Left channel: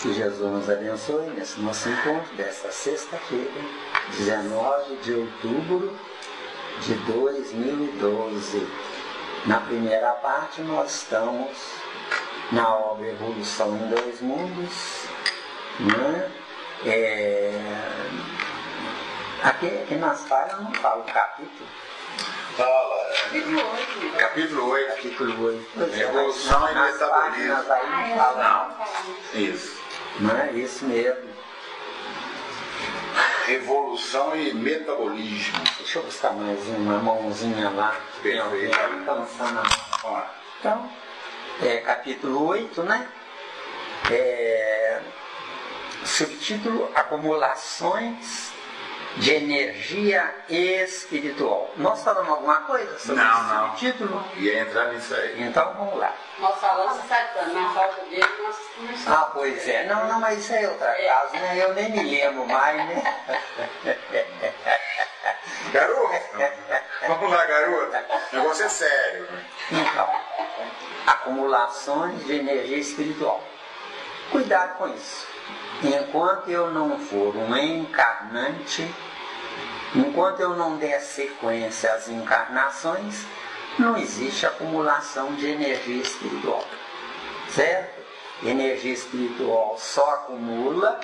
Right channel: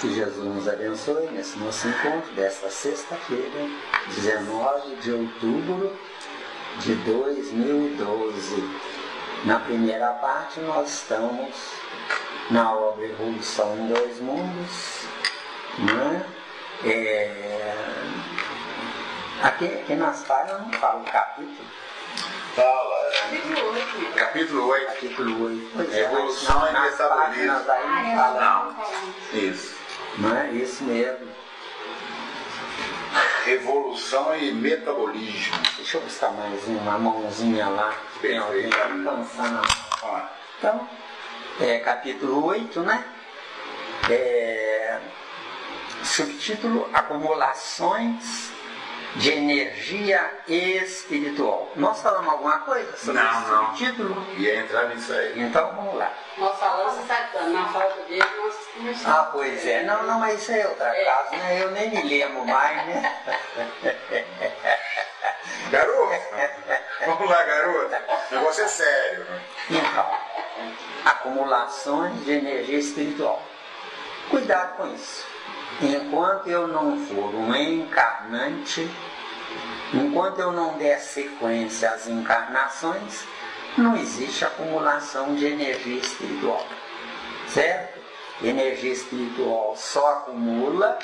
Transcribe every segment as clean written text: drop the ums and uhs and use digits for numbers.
Que Jesus nos abençoe nesse nosso encontro desta sexta-feira, 19 de outubro de 2012. Na primeira parte nós estamos na obra Evolução em Dois Mundos, né? Aqui nas páginas não fala o capítulo. Fala. Capítulo 8. Capítulo 8. Evolução e metabolismo. Não. Isso. Não é isso mesmo. Evolução e metabolismo. Deixa eu buscar mais uma mãozinha lá. Tem alguém cansando. Então, capítulo 8, né? Subtítulo: Acumulações de energia espiritual. Nós falamos alguma coisa sobre esse subtítulo? Ia entrar nisso aí. Então vamos lá. Nós falamos exatamente, na falta dele nós começamos. Ah, pois é. Não, mas isso é outra casa, né? Eu nem me lembro mais, né? Garoto, vamos lá, garoto. Eu vou ser sério. Então, acumulações de energia espiritual. Cuidado com isso. Enquanto eu não for um encarnante, enquanto eu não der sequência às encarnações, não existe acumulação de energia espiritual. Certo? Energia espiritual só acumula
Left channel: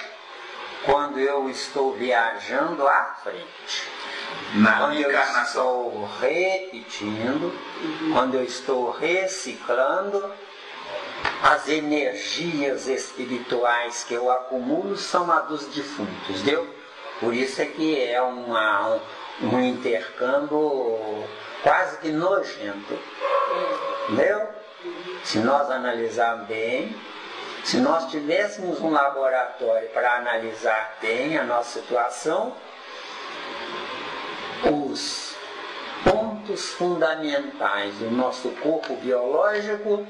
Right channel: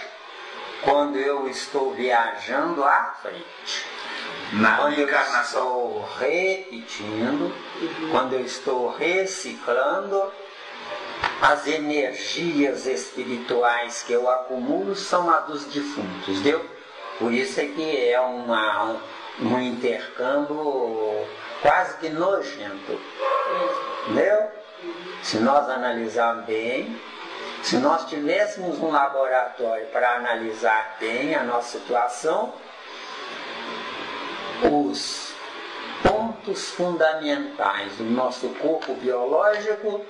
quando eu estou viajando à frente. Quando eu estou repetindo, quando eu estou reciclando, as energias espirituais que eu acumulo são as dos defuntos, entendeu? Por isso é que é um intercâmbio quase que nojento, entendeu? Se nós analisarmos bem, se nós tivéssemos um laboratório para analisar bem a nossa situação, os pontos fundamentais do nosso corpo biológico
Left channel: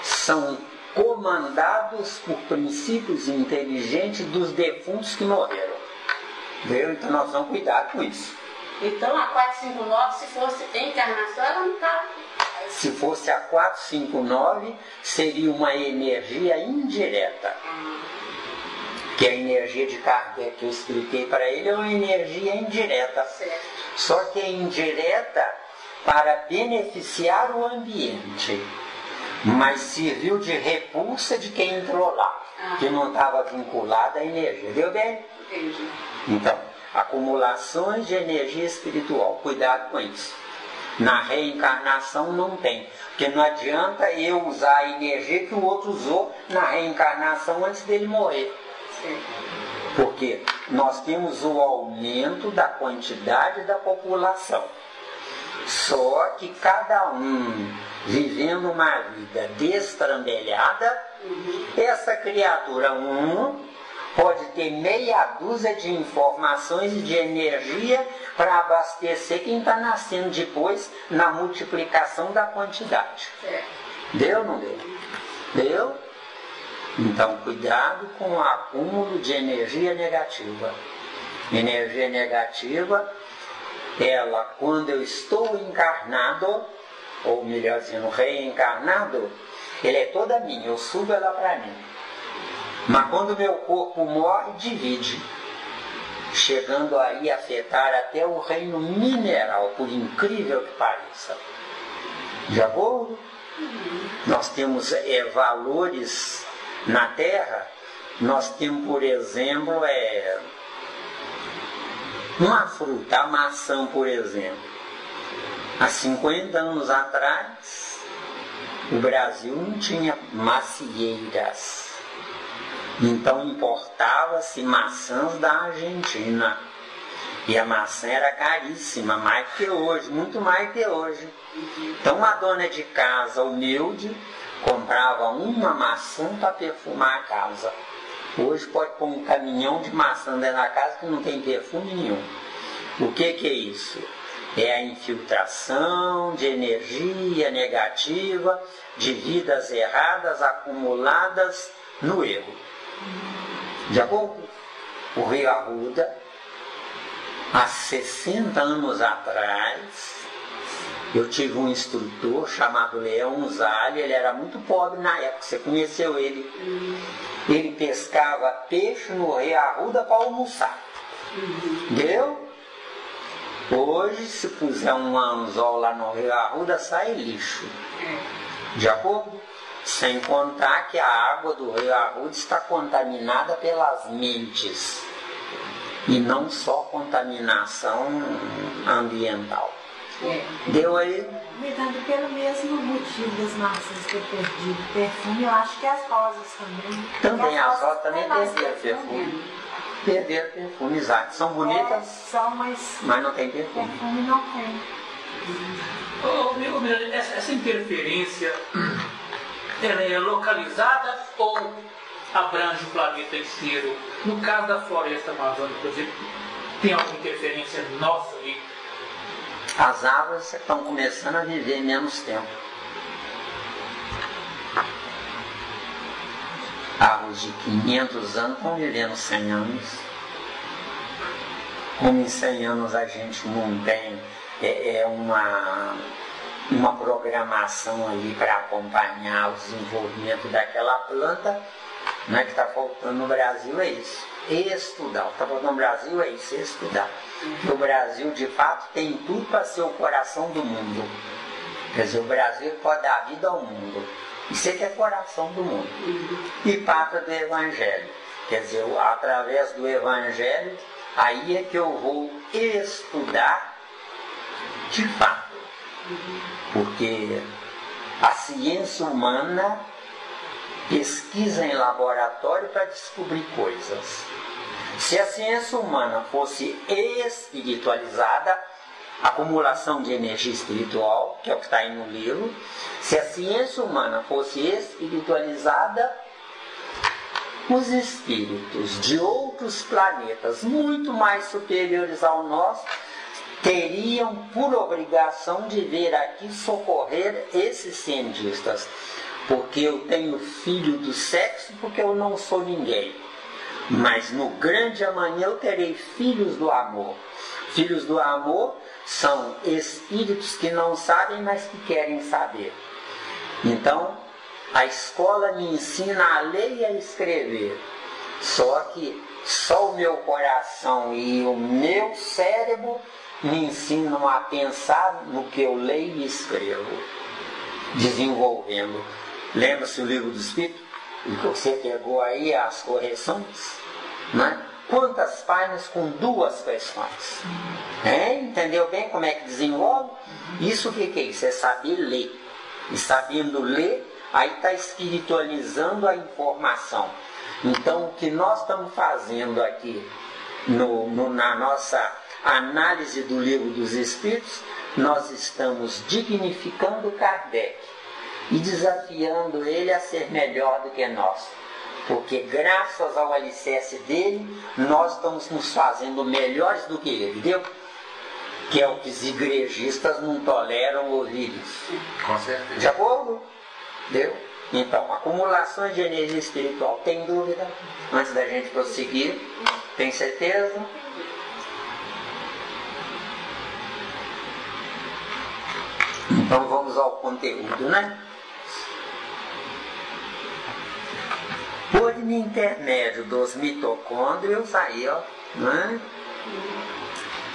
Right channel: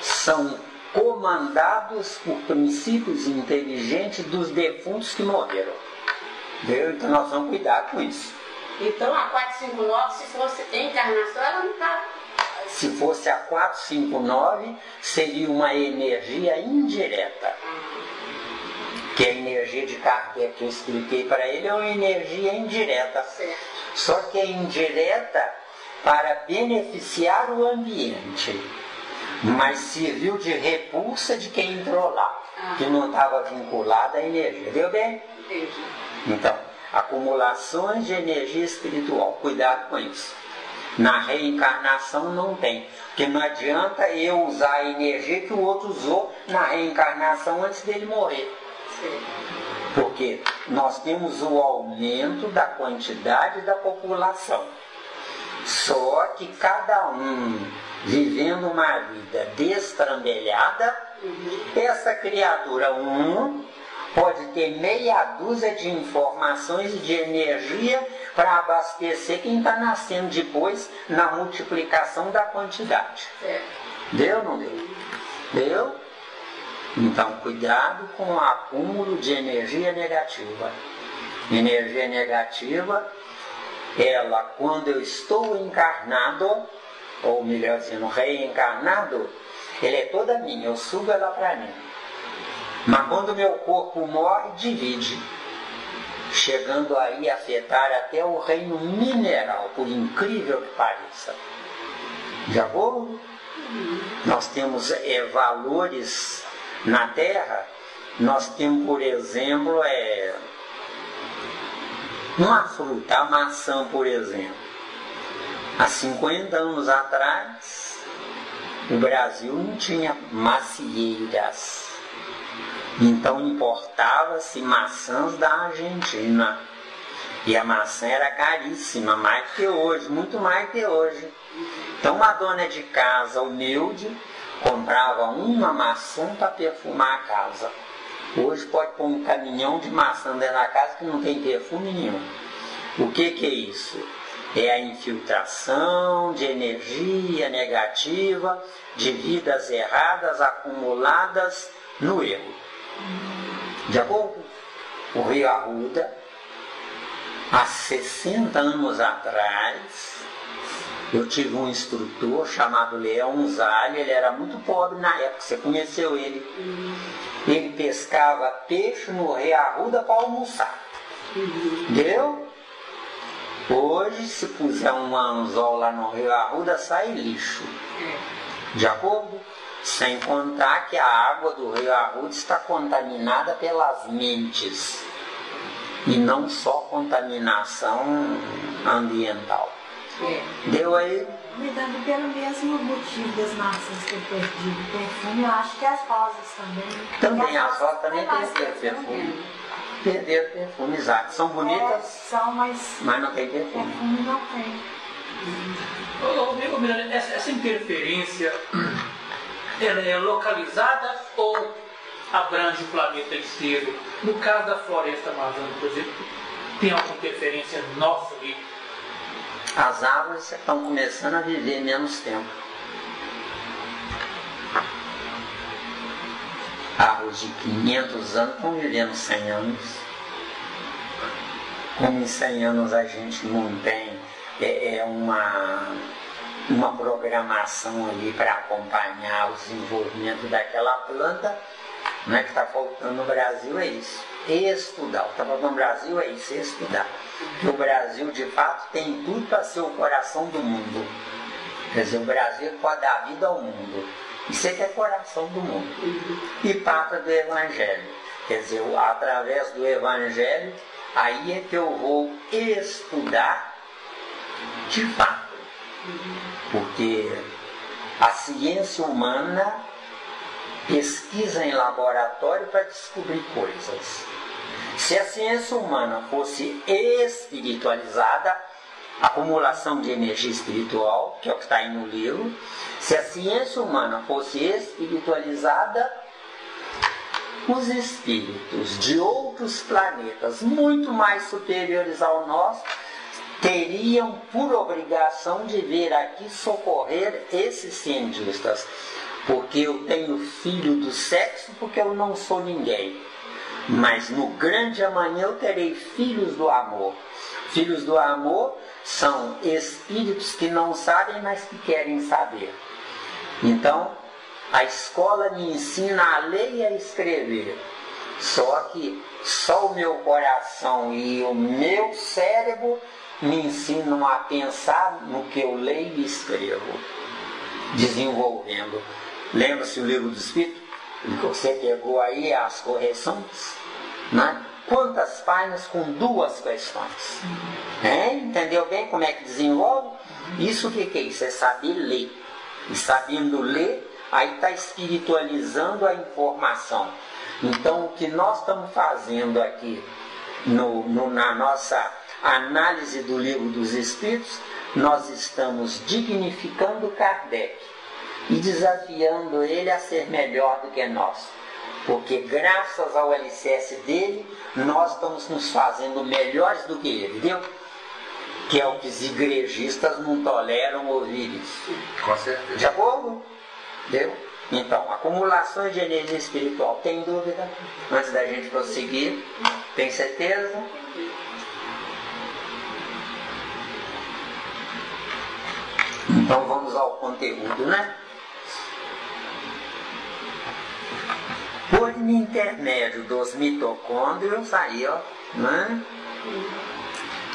são comandados por princípios inteligentes dos defuntos que morreram. Entendeu? Então nós vamos cuidar com isso. Então a 459, se fosse encarnação, ela não está. Se fosse a 459, seria uma energia indireta. Que a energia de Kardec que eu expliquei para ele é uma energia indireta. Certo. Só que é indireta para beneficiar o ambiente, mas serviu de repulsa de quem entrou lá, que não estava vinculada à energia. Deu bem? Entendi. Então, acumulações de energia espiritual, cuidado com isso. Na reencarnação não tem, porque não adianta eu usar a energia que o outro usou na reencarnação antes dele morrer. Sim. Porque nós temos o aumento da quantidade da população. Só que cada um vivendo uma vida destrambelhada, essa criatura pode ter meia dúzia de informações e de energia para abastecer quem está nascendo depois na multiplicação da quantidade. Certo. Deu ou não deu? Deu? Então, cuidado com o acúmulo de energia negativa. Energia negativa, ela, quando eu estou encarnado, ou melhor dizendo, reencarnado, ela é toda minha, eu sugo ela para mim. Mas quando meu corpo morre, divide, chegando aí a afetar até o reino mineral, por incrível que pareça. Já vou? Nós temos valores na Terra. Nós temos, por exemplo, uma fruta, a maçã, por exemplo. Há 50 anos atrás, o Brasil não tinha macieiras. Então importava-se maçãs da Argentina. E a maçã era caríssima, mais que hoje, muito mais que hoje. Então uma dona de casa humilde comprava uma maçã para perfumar a casa. Hoje pode pôr um caminhão de maçã dentro da casa que não tem perfume nenhum. O que é isso? É a infiltração de energia negativa, de vidas erradas acumuladas no erro. De acordo? O Rio Arruda, há 60 anos atrás, eu tive um instrutor chamado Leão Zali. Ele era muito pobre na época, você conheceu ele. Ele pescava peixe no Rio Arruda para almoçar. Entendeu? Hoje, se puser um anzol lá no Rio Arruda, sai lixo. De acordo? Sem contar que a água do Rio Arruda está contaminada pelas mentes. E não só contaminação ambiental. Deu aí? Cuidando pelo mesmo motivo das massas ter perdido perfume, eu acho que as rosas também. Também as rosas também perderam perfume. Perderam perfume, exato. São bonitas, são, mas não tem perfume. Perfume não tem. Essa interferência, ela é localizada ou abrange o planeta inteiro? No caso da floresta amazônica, por exemplo, tem alguma interferência nossa ali? As árvores estão começando a viver menos tempo. Árvores de 500 anos estão vivendo 100 anos. Como em 100 anos a gente não tem uma programação ali para acompanhar o desenvolvimento daquela planta, né, que está faltando no Brasil, é isso. Estudar. O que está faltando no Brasil é isso, estudar. O Brasil, de fato, tem tudo para ser o coração do mundo. Quer dizer, o Brasil pode dar vida ao mundo. Isso é que é coração do mundo. E pátria do Evangelho. Quer dizer, através do Evangelho, aí é que eu vou estudar de fato. Porque a ciência humana pesquisa em laboratório para descobrir coisas. Se a ciência humana fosse espiritualizada, acumulação de energia espiritual, que é o que está aí no livro, se a ciência humana fosse espiritualizada, os espíritos de outros planetas muito mais superiores ao nosso teriam por obrigação de vir aqui socorrer esses cientistas. Porque eu tenho filho do sexo, porque eu não sou ninguém. Mas no grande amanhã eu terei filhos do amor. Filhos do amor são espíritos que não sabem, mas que querem saber. Então, a escola me ensina a ler e a escrever. Só que só o meu coração e o meu cérebro me ensinam a pensar no que eu leio e escrevo, desenvolvendo. Lembra-se o livro do Espírito? Que você pegou aí as correções, né? Quantas páginas com 2 questões? Entendeu bem como é que desenvolve? Isso o que é isso? É saber ler. E sabendo ler, aí está espiritualizando a informação. Então o que nós estamos fazendo aqui na nossa análise do livro dos Espíritos, nós estamos dignificando Kardec e desafiando ele a ser melhor do que nós. Porque graças ao alicerce dele, nós estamos nos fazendo melhores do que ele, viu? Que é o que os igrejistas não toleram ouvir isso. Com certeza. De acordo? Viu? Então, acumulações de energia espiritual, tem dúvida? Antes da gente prosseguir, tem certeza? Então vamos ao conteúdo, né? Por intermédio dos mitocôndrios, aí, ó, né?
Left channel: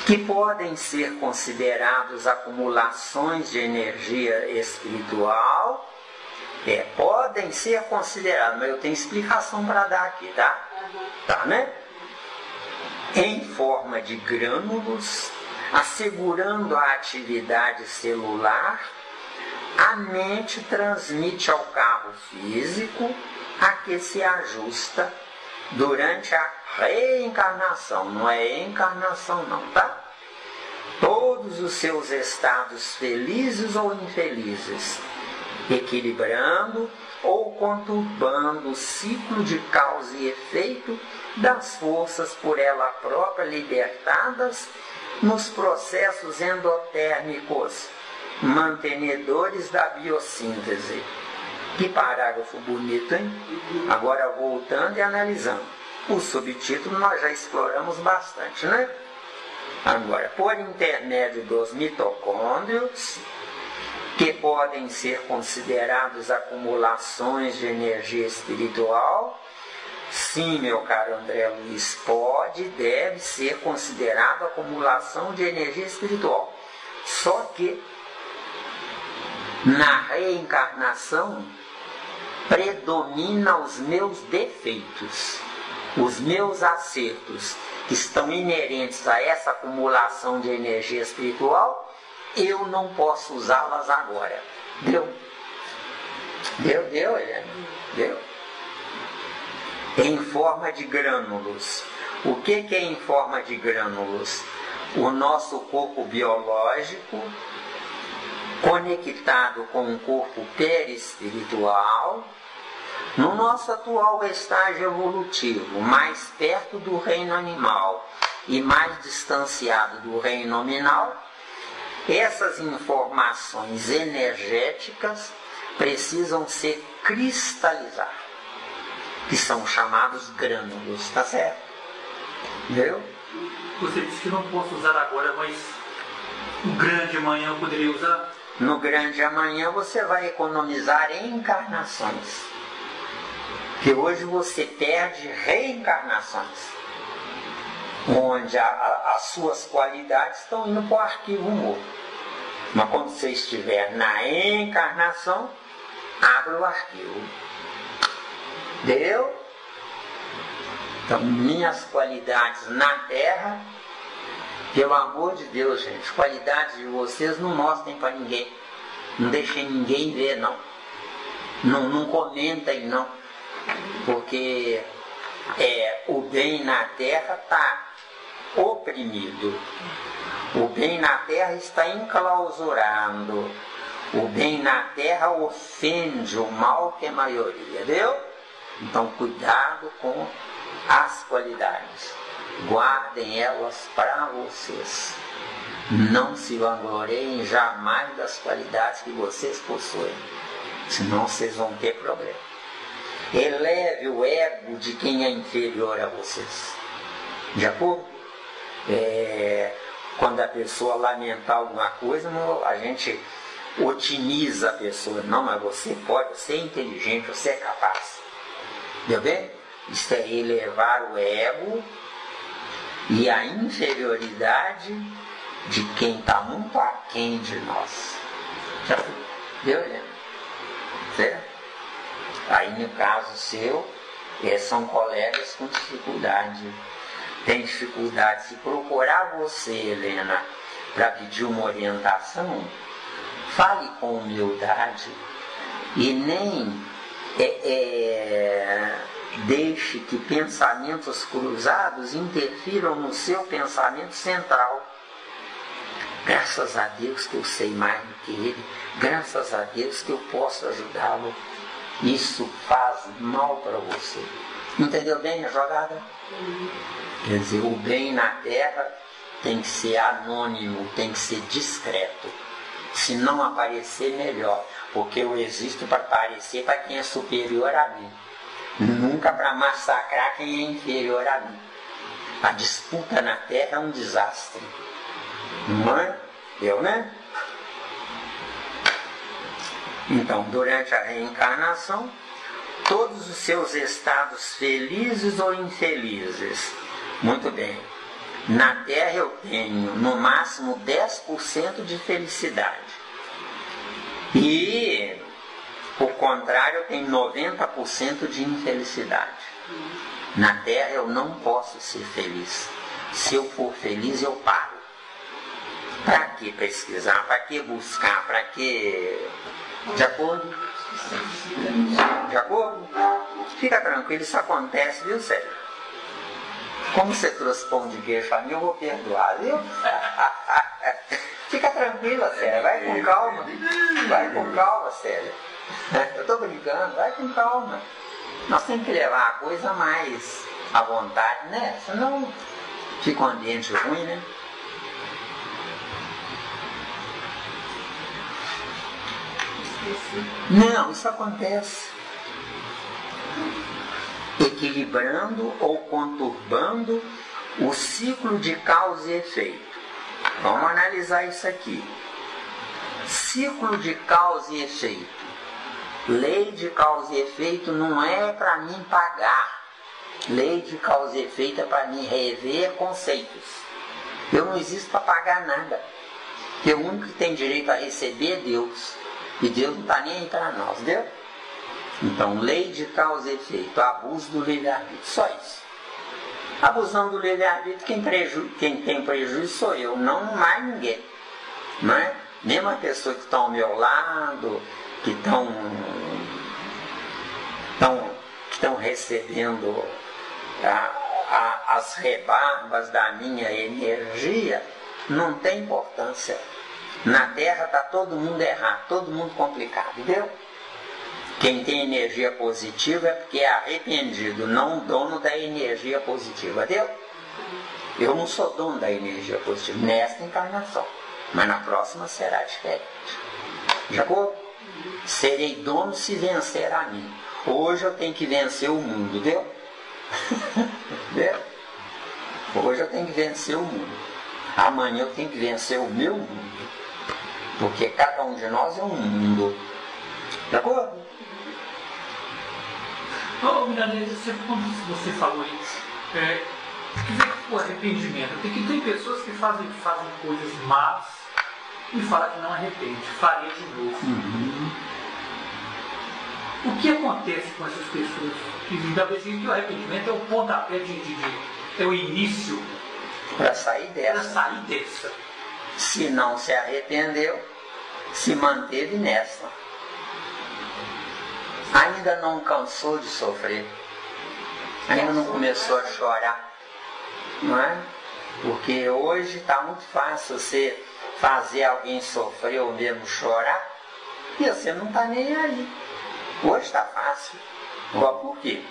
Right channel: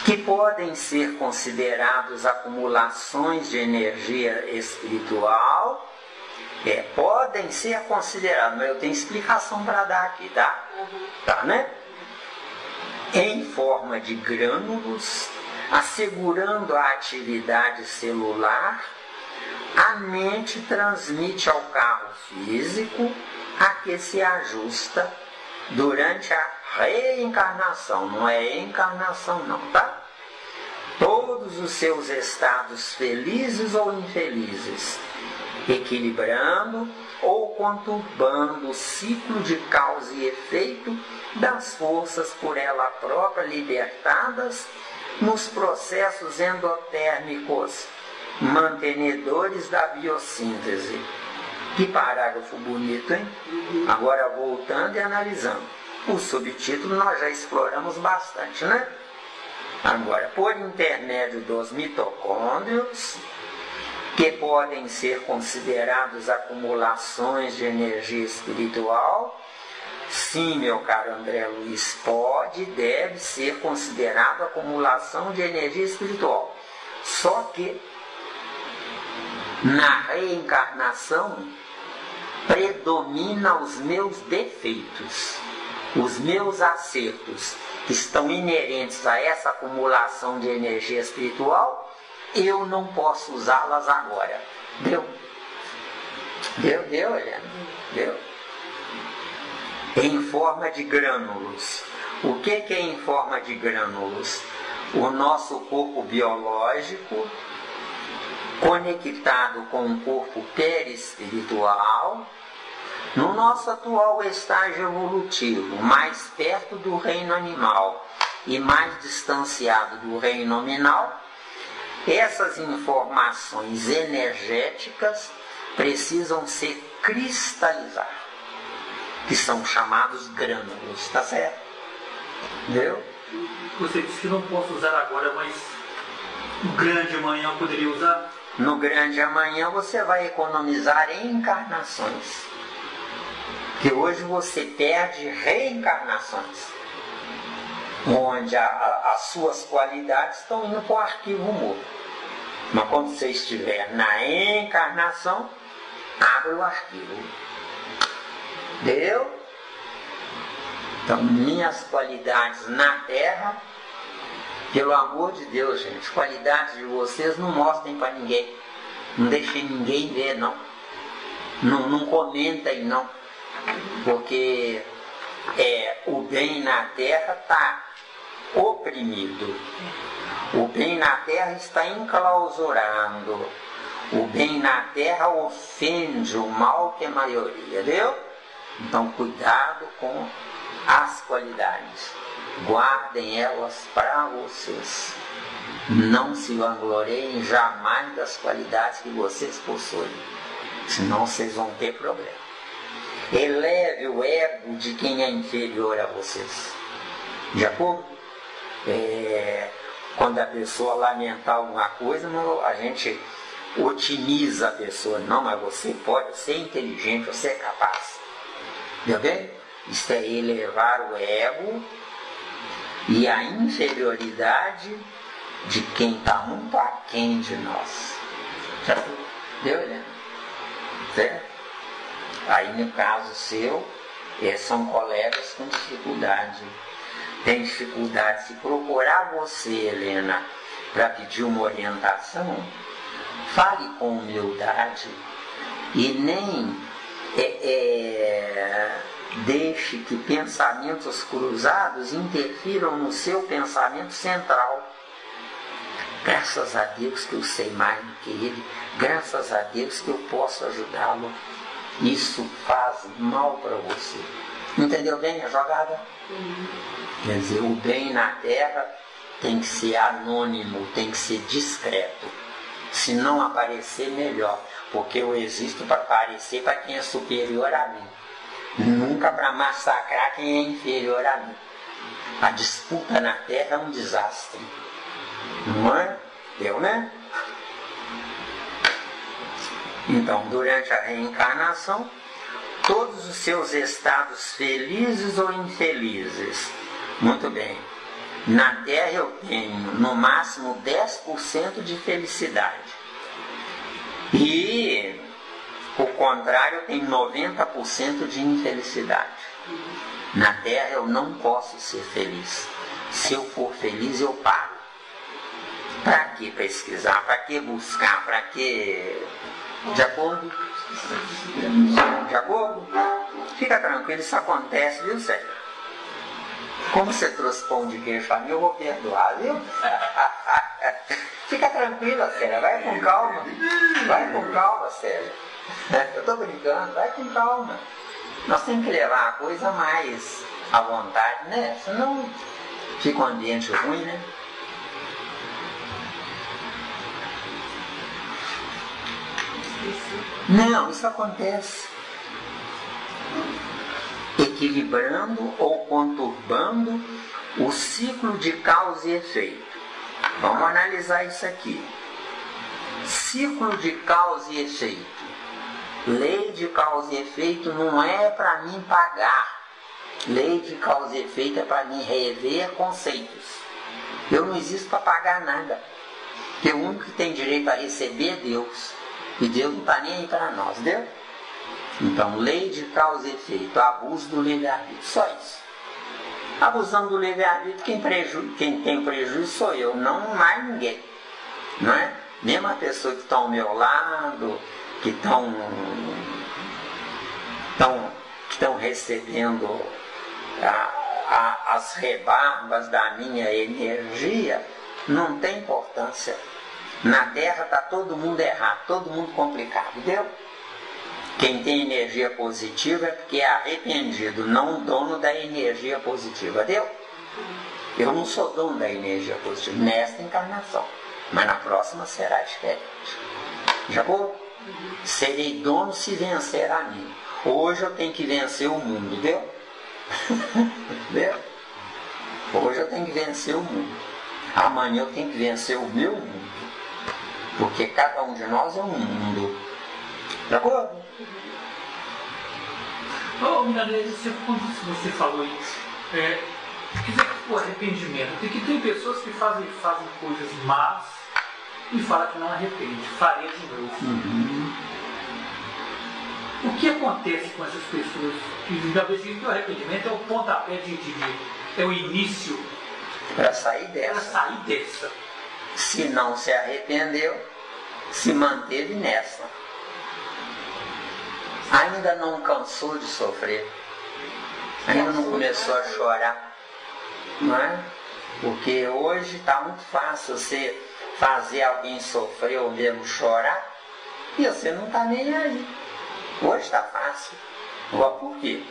Que podem ser considerados acumulações de energia espiritual, podem ser considerados, mas eu tenho explicação para dar aqui, tá? Tá, né? Em forma de grânulos, assegurando a atividade celular, a mente transmite ao carro físico a que se ajusta durante a reencarnação, não é encarnação não, tá? Todos os seus estados felizes ou infelizes, equilibrando ou conturbando o ciclo de causa e efeito das forças por ela própria libertadas nos processos endotérmicos mantenedores da biossíntese. Que parágrafo bonito, hein? Agora voltando e analisando. O subtítulo nós já exploramos bastante, né? Agora, por intermédio dos mitocôndrios, que podem ser considerados acumulações de energia espiritual, Sim, meu caro André Luiz, pode e deve ser considerado acumulação de energia espiritual. Só que na reencarnação predomina os meus defeitos, os meus acertos que estão inerentes a essa acumulação de energia espiritual, eu não posso usá-las agora. Deu, Helena? Deu? Em forma de grânulos. O que é em forma de grânulos? O nosso corpo biológico conectado com o corpo perispiritual, no nosso atual estágio evolutivo, mais perto do reino animal e mais distanciado do reino nominal. Essas informações energéticas precisam se cristalizar, que são chamados grânulos, tá certo? Entendeu? Você disse que não posso usar agora, mas no grande amanhã eu poderia usar? No grande amanhã você vai economizar encarnações, que hoje você perde reencarnações, onde as suas qualidades estão indo para o arquivo morto. Mas quando você estiver na encarnação, abre o arquivo. Deu? Então, minhas qualidades na Terra, pelo amor de Deus, gente, qualidades de vocês não mostrem para ninguém. Não deixem ninguém ver, não. Não comentem, não. Porque o bem na Terra está oprimido. O bem na Terra está enclausurado. O bem na Terra ofende o mal que é a maioria, viu? Então, cuidado com as qualidades. Guardem elas para vocês. Não se vangloriem jamais das qualidades que vocês possuem. Senão vocês vão ter problema. Eleve o ego de quem é inferior a vocês. De acordo? Quando a pessoa lamentar alguma coisa, a gente otimiza a pessoa. Não, mas você pode ser inteligente, você é capaz. Entendeu bem? Isso é elevar o ego e a inferioridade de quem está muito aquém de nós. Já deu, Helena? Certo? Aí no caso seu, são colegas com dificuldade. Tem dificuldade. Se procurar você, Helena, para pedir uma orientação, fale com humildade e nem deixe que pensamentos cruzados interfiram no seu pensamento central. Graças a Deus que eu sei mais do que ele, graças a Deus que eu posso ajudá-lo. Isso faz mal para você. Entendeu bem a jogada? Quer dizer, o bem na Terra tem que ser anônimo, tem que ser discreto. Se não aparecer, melhor. Porque eu existo para aparecer para quem é superior a mim. Nunca para massacrar quem é inferior a mim. A disputa na Terra é um desastre. Não é? Eu, né? Então, durante a reencarnação, todos os seus estados felizes ou infelizes. Muito bem. Na Terra eu tenho no máximo 10% de felicidade. E, por contrário, eu tenho 90% de infelicidade. Na Terra eu não posso ser feliz. Se eu for feliz, eu paro. Para que pesquisar? Para que buscar? Para que... De acordo? De acordo? Fica tranquilo, isso acontece, viu, Sérgio? Como você trouxe pão de queijo para mim, eu vou perdoar, viu? Fica tranquila, Sérgio, vai com calma. Vai com calma, Sérgio. Eu estou brincando, vai com calma. Nós temos que levar a coisa mais à vontade, né? Senão fica um ambiente ruim, né? Não, isso acontece. Equilibrando ou conturbando o ciclo de causa e efeito. Vamos analisar isso aqui. Ciclo de causa e efeito. Lei de causa e efeito não é para mim pagar Lei de causa e efeito é para mim rever conceitos. Eu não existo para pagar nada. Porque o único que tem direito a receber é Deus. E Deus não está nem aí para nós, entendeu? Então, lei de causa e efeito, abuso do livre-arbítrio, só isso. Abusão do livre-arbítrio, quem tem prejuízo sou eu, não mais ninguém. Não é? Mesmo a pessoa que está ao meu lado, que estão recebendo as rebarbas da minha energia, não tem importância. Na Terra está todo mundo errado, todo mundo complicado, entendeu? Quem tem energia positiva é porque é arrependido, não dono da energia positiva, entendeu? Eu não sou dono da energia positiva nesta encarnação, mas na próxima será diferente. Já vou? Serei dono se vencer a mim. Hoje eu tenho que vencer o mundo, entendeu? Entendeu? Hoje eu tenho que vencer o mundo. Amanhã eu tenho que vencer o meu mundo. Porque cada um de nós é um mundo. De acordo? Milanese, você falou isso. O arrependimento. Tem pessoas que fazem coisas más e falam que não arrepende. Farei de novo. O que acontece com essas pessoas? Que o arrependimento é o pontapé é o início para sair dessa. Se não se arrependeu, se manteve nessa. Ainda não cansou de sofrer. Ainda não começou a chorar. Não é? Porque hoje está muito fácil você fazer alguém sofrer ou mesmo chorar e você não está nem aí. Hoje está fácil. Igual por quê?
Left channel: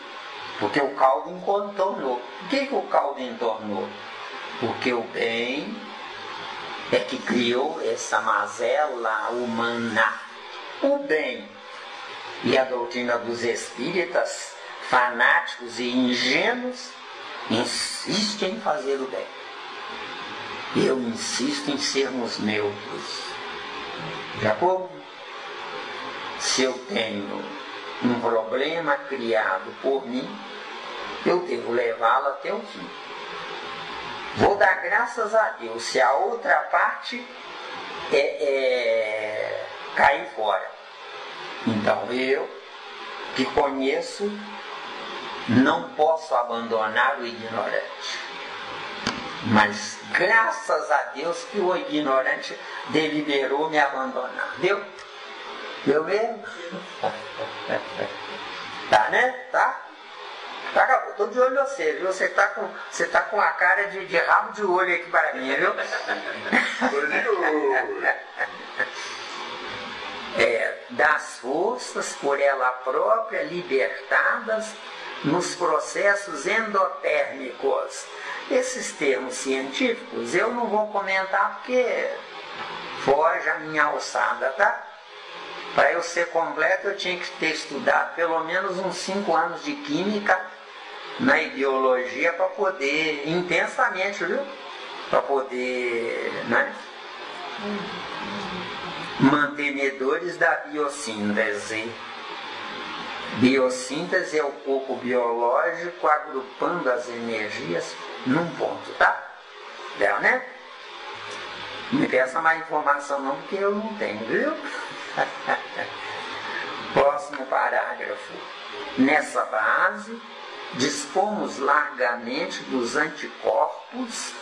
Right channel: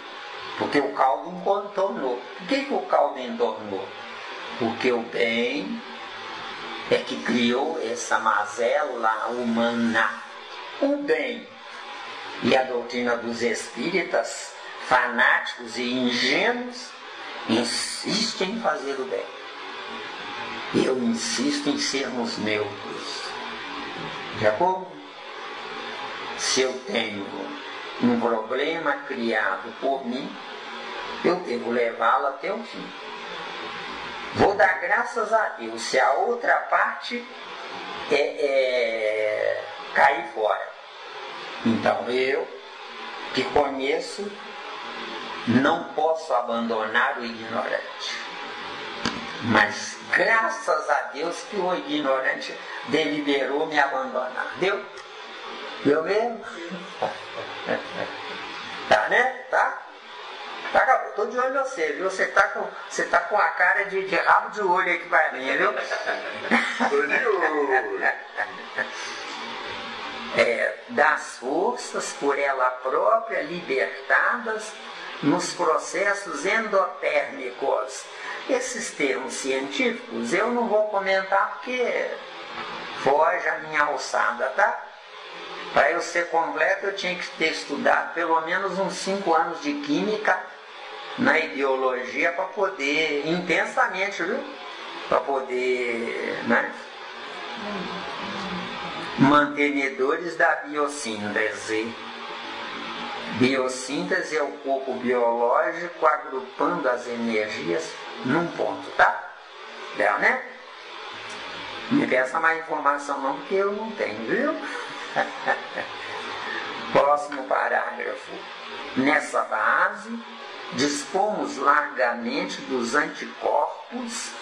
Porque o caldo entornou. Por que o caldo entornou? Porque o bem é que criou essa mazela humana. O bem e a doutrina dos espíritas, fanáticos e ingênuos, insistem em fazer o bem. Eu insisto em sermos neutros. De acordo? Se eu tenho um problema criado por mim, eu devo levá-lo até o fim. Vou dar graças a Deus se a outra parte cair fora. Então eu, que conheço, não posso abandonar o ignorante. Mas graças a Deus que o ignorante deliberou me abandonar. Deu? Deu mesmo? Tá, né? Tá? Estou de olho em você, viu? Você tá com a cara de rabo de olho aqui para mim, viu? Das forças por ela própria libertadas nos processos endotérmicos. Esses termos científicos eu não vou comentar porque foge a minha alçada, tá? Para eu ser completo eu tinha que ter estudado pelo menos uns 5 anos de química na ideologia para poder, intensamente, viu? Para poder, né? Mantenedores da biossíntese. Biossíntese é o corpo biológico agrupando as energias num ponto, tá? Deu, né? Não me peça mais informação não, porque eu não tenho, viu? Próximo parágrafo. Nessa base, dispomos largamente dos anticorpos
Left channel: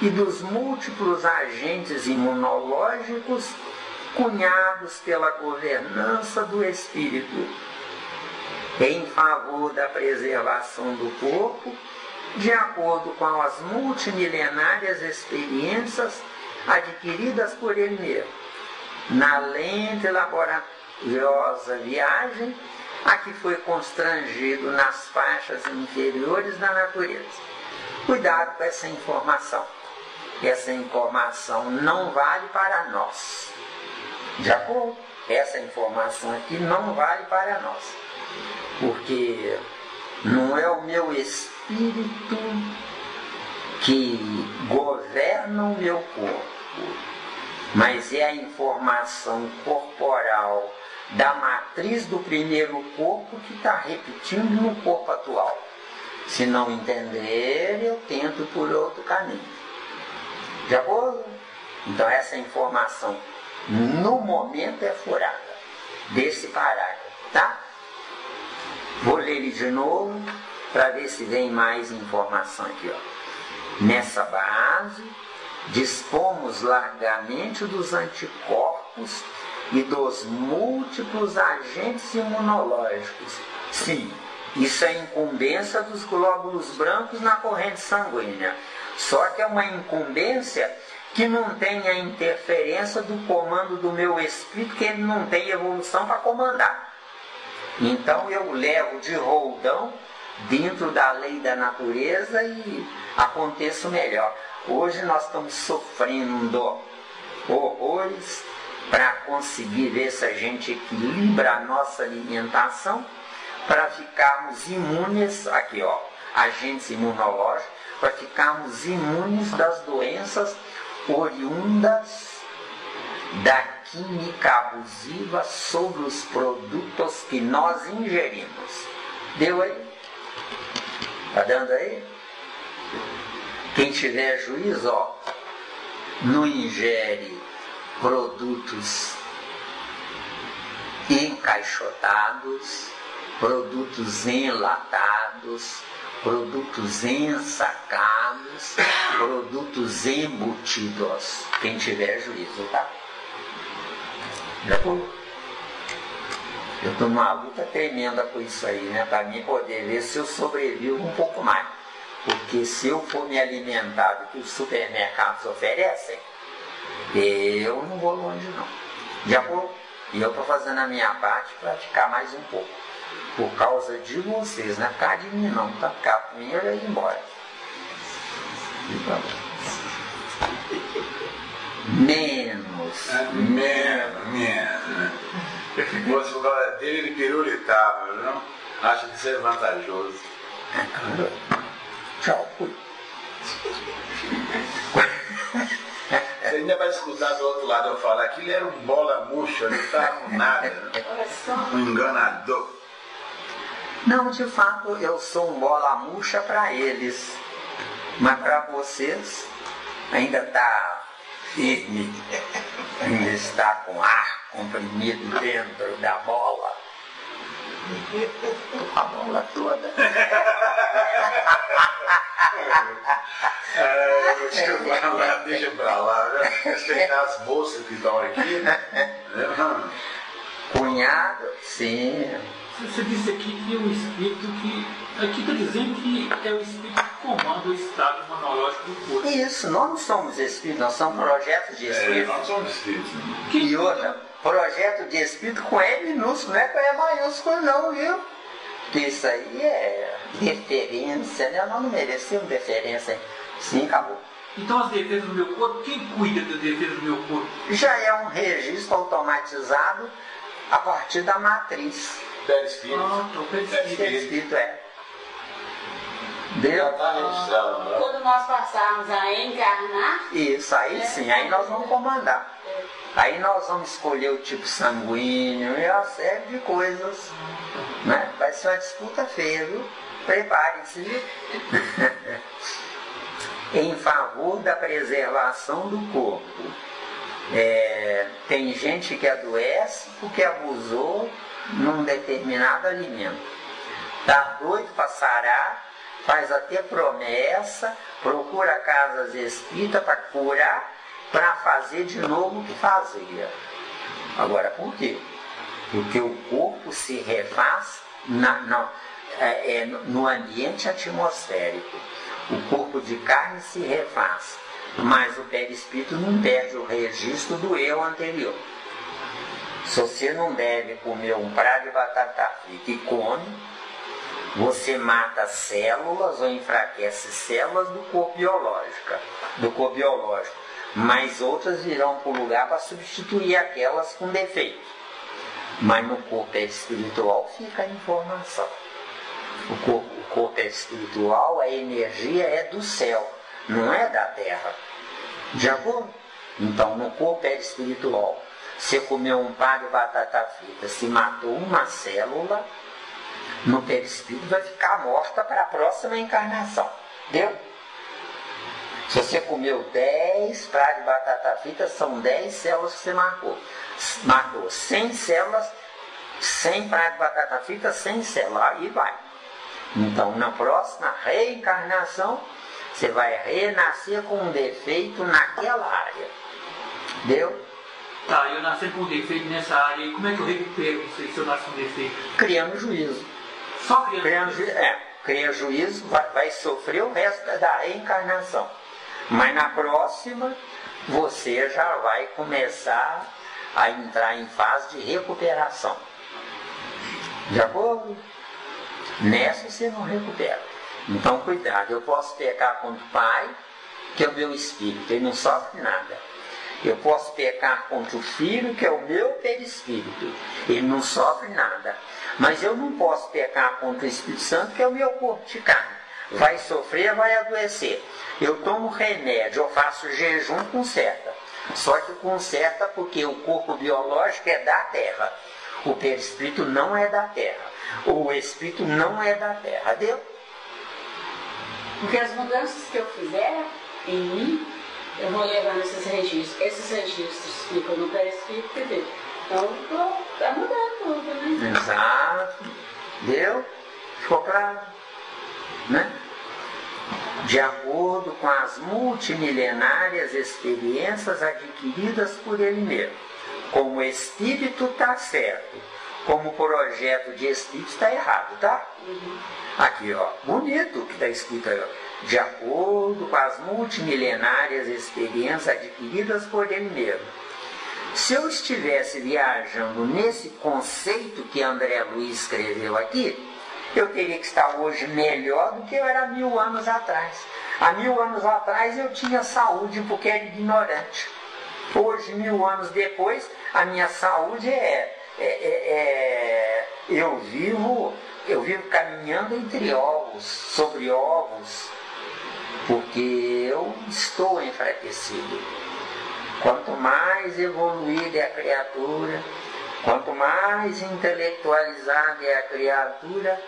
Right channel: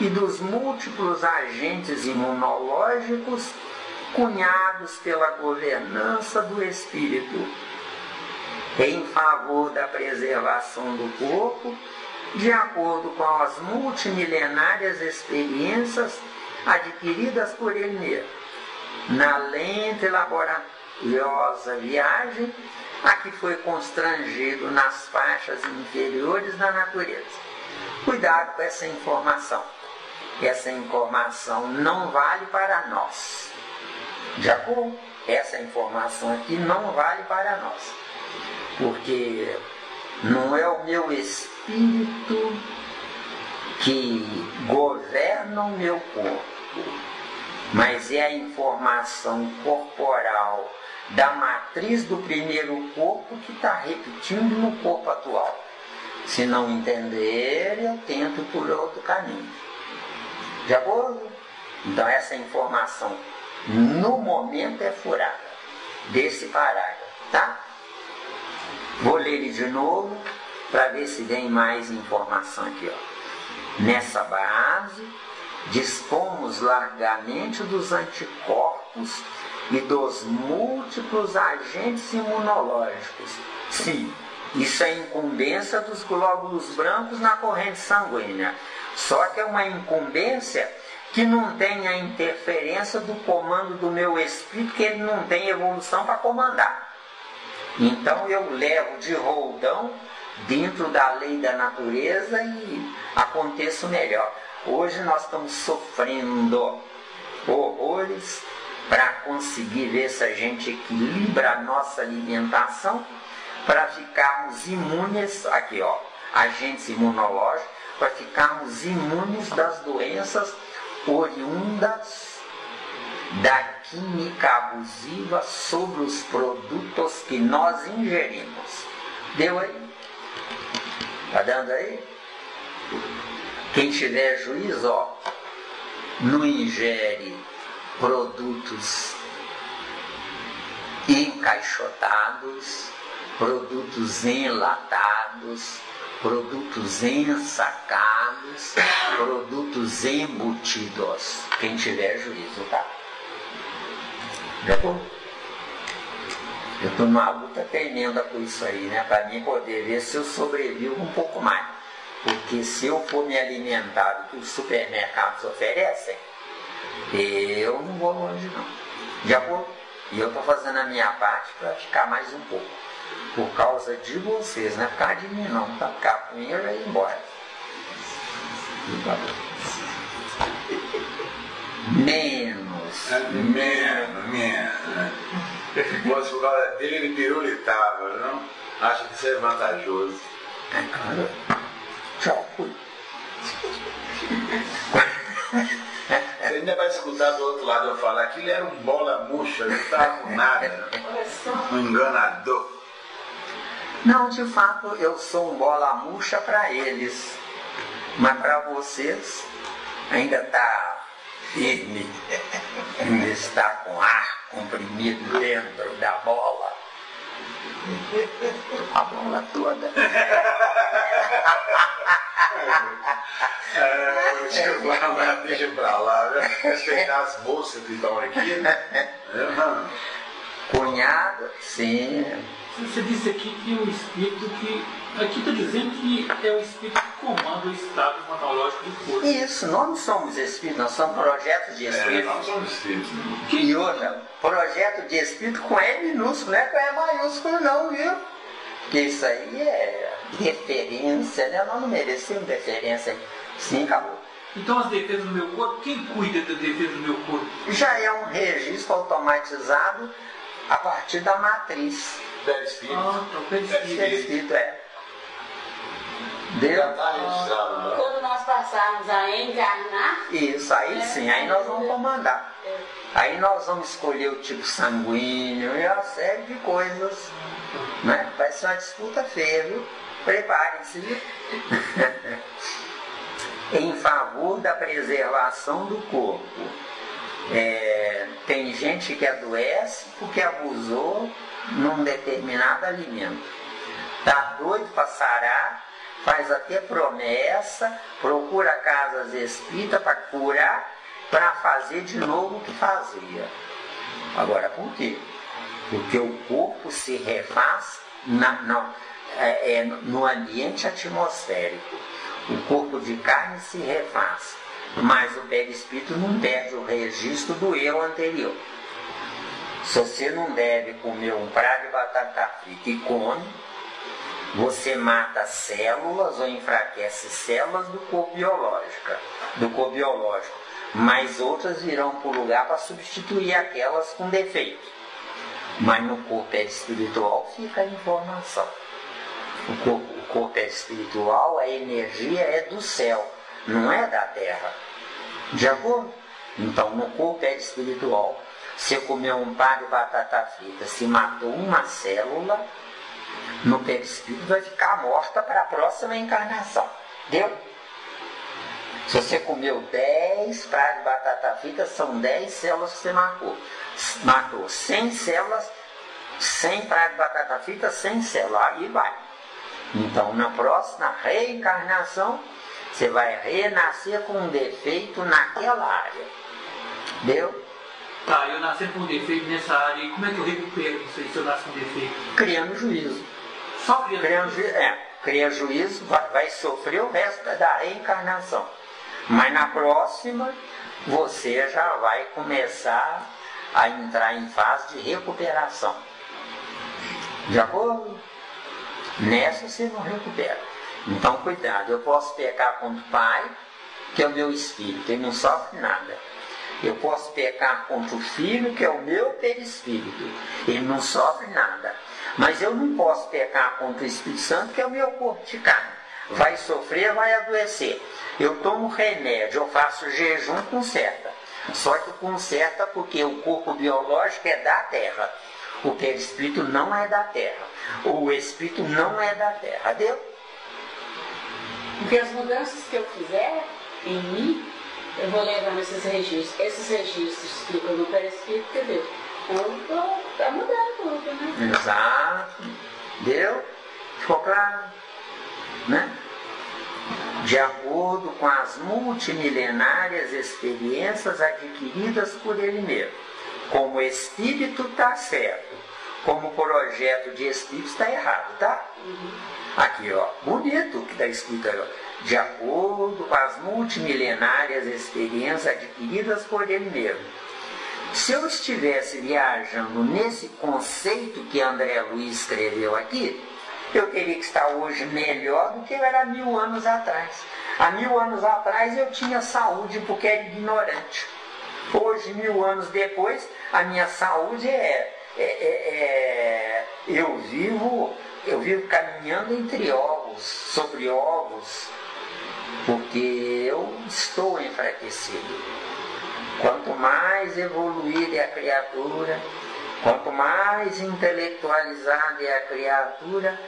e dos múltiplos agentes imunológicos cunhados pela governança do espírito, em favor da preservação do corpo, de acordo com as multimilenárias experiências adquiridas por ele mesmo, na lenta e laboriosa viagem a que foi constrangido nas faixas inferiores da natureza. Cuidado com essa informação. Essa informação não vale para nós. De acordo? Essa informação aqui não vale para nós. Porque não é o meu espírito que governa o meu corpo, mas é a informação corporal da matriz do primeiro corpo que está repetindo no corpo atual. Se não entender, eu tento por outro caminho. De acordo? Então essa informação, no momento, é furada desse parágrafo, tá? Vou ler ele de novo para ver se vem mais informação aqui, ó. Nessa base, dispomos largamente dos anticorpos e dos múltiplos agentes imunológicos. Sim, isso é incumbência dos glóbulos brancos na corrente sanguínea. Só que é uma incumbência que não tem a interferência do comando do meu espírito, que ele não tem evolução para comandar. Então eu levo de roldão dentro da lei da natureza e aconteço melhor. Hoje nós estamos sofrendo horrores para conseguir ver se a gente equilibra a nossa alimentação para ficarmos imunes, aqui ó, agentes imunológicos, para ficarmos imunes das doenças oriundas da química abusiva sobre os produtos que nós ingerimos. Deu aí? Está dando aí? Quem tiver juízo, ó, não ingere produtos encaixotados, produtos enlatados, produtos ensacados, produtos embutidos. Quem tiver juízo, tá? Depois, eu estou numa luta tremenda com isso aí, né? Para mim poder ver se eu sobrevivo um pouco mais. Porque se eu for me alimentar do que os supermercados oferecem, eu não vou longe não. Já vou. E eu estou fazendo a minha parte para ficar mais um pouco. Por causa de vocês, não é por causa de mim não. Para ficar primeiro e ir embora. Menos. Menos. Moço, agora dele de pirulitável, não? Acha que isso é vantajoso. Tchau, fui. Você ainda vai escutar do outro lado eu falar que ele era um bola murcha, não estava com nada, né? Um enganador. Não, de fato, eu sou um bola murcha para eles. Mas para vocês, ainda está firme. Ainda está com ar comprimido dentro da bola. A bola toda. Deixa pra lá, né? Respeitar as moças que estão aqui, né? Cunhado, sim. Você disse aqui que o espírito que... Aqui está dizendo que é o espírito que comanda o estado imunológico do corpo. Isso, nós não somos espíritos, nós somos projetos de espírito. Nós somos espíritos. E outra, projeto de espírito com E minúsculo, não é com E maiúsculo não, viu? Porque isso aí é referência, né? Nós não merecemos referência. Sim, acabou. Então as defesas do meu corpo, quem cuida das defesas do meu corpo? Já é um registro automatizado a partir da matriz. Perispírito. Então Perispírito, é. Já está registrado, né? Quando nós passarmos a encarnar, Isso, aí sim, aí nós vamos comandar. Aí nós vamos escolher o tipo sanguíneo e uma série de coisas. Né? Vai ser uma disputa feia, viu? Preparem-se, viu? Em favor da preservação do corpo. Tem gente que adoece porque abusou num determinado alimento. Está doido para sarar, faz até promessa, procura casas espíritas para curar, para fazer de novo o que fazia. Agora, por quê? Porque o corpo se refaz no ambiente atmosférico. O corpo de carne se refaz, mas o perispírito não perde o registro do eu anterior. Se você não deve comer um prato de batata frita e come, você mata células ou enfraquece células do corpo biológico, mas outras virão para o lugar para substituir aquelas com defeito. Mas no corpo espiritual fica a informação. O corpo espiritual, a energia é do céu, não é da terra. De acordo? Então, no corpo espiritual, você comeu um par de batata frita, se matou uma célula, no perispírito vai ficar morta para a próxima encarnação. Entendeu? Se você comeu 10 pratos de batata frita, são 10 células que você matou 100 células, 100 pratos de batata frita, 100 células. Aí vai. Então, na próxima reencarnação, você vai renascer com um defeito naquela área. Entendeu? Tá, eu nasci com um defeito nessa área, e como é que eu recupero isso aí se eu nascer com um defeito? Criando juízo. Só criando juízo? Criando juízo, vai sofrer o resto da reencarnação. Mas na próxima, você já vai começar a entrar em fase de recuperação. De acordo? Nessa você não recupera. Então, cuidado, eu posso pecar contra o pai, que é o meu espírito, ele não sofre nada. Eu posso pecar contra o filho, que é o meu perispírito, ele não sofre nada. Mas eu não posso pecar contra o Espírito Santo, que é o meu corpo de carne. Vai sofrer, vai adoecer. Eu tomo remédio, eu faço jejum, conserta. Só que conserta porque o corpo biológico é da terra. O perispírito não é da terra. O espírito não é da terra. Deu? Porque as mudanças que eu fizer em mim, eu vou levando esses registros. Esses registros ficam no perispírito, entendeu? Então, está mudando tudo, né? Exato. Deu? Ficou claro? Né? De acordo com as multimilenárias experiências adquiridas por ele mesmo. Como espírito está certo, como projeto de espírito está errado, tá? Aqui, ó, bonito o que está escrito aí, ó. De acordo com as multimilenárias experiências adquiridas por ele mesmo. Se eu estivesse viajando nesse conceito que André Luiz escreveu aqui, eu teria que estar hoje melhor do que eu era 1000 anos atrás. Há 1000 anos atrás eu tinha saúde porque era ignorante. Hoje, 1000 anos depois, a minha saúde eu vivo caminhando entre ovos, sobre ovos, porque eu estou enfraquecido. Quanto mais evoluída é a criatura, quanto mais intelectualizada é a criatura,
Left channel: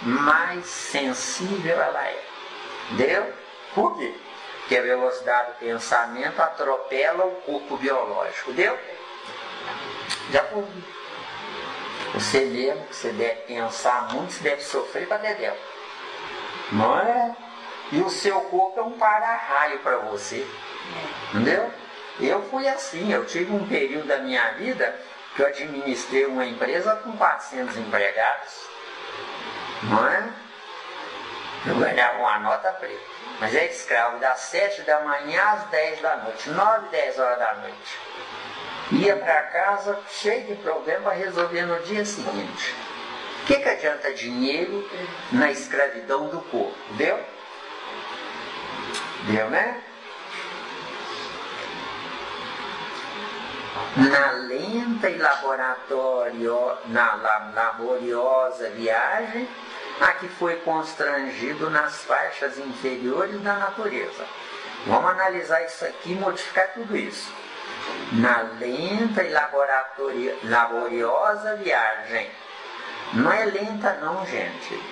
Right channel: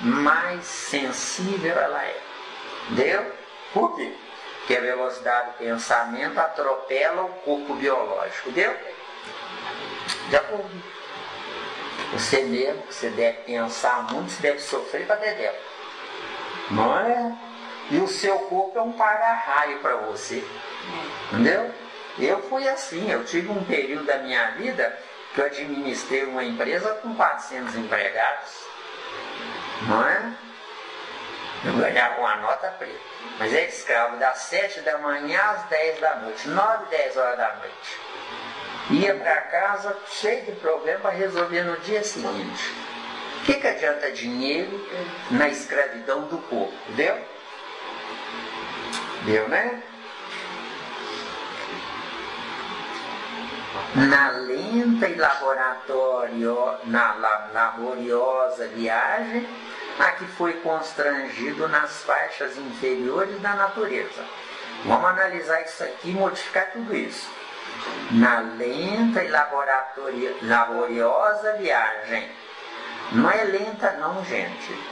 mais sensível ela é. Entendeu? Por quê? Porque a velocidade do pensamento atropela o corpo biológico. Entendeu? Já por você mesmo, que você deve pensar muito, você deve sofrer para dedéu. Não é? E o seu corpo é um para-raio para você. Entendeu? Eu fui assim, eu tive um período da minha vida que eu administrei uma empresa com 400 empregados. Não é? Eu ganhava uma nota preta. Mas é escravo das 7 da manhã às 10 da noite, 9, 10 horas da noite. Ia para casa cheio de problema para resolver no dia seguinte. O que adianta dinheiro na escravidão do corpo? Deu? Deu, né? Na lenta e laboriosa viagem a que foi constrangido nas faixas inferiores da natureza. Vamos analisar isso aqui e modificar tudo isso. Na lenta e laboriosa viagem. Não é lenta não, gente.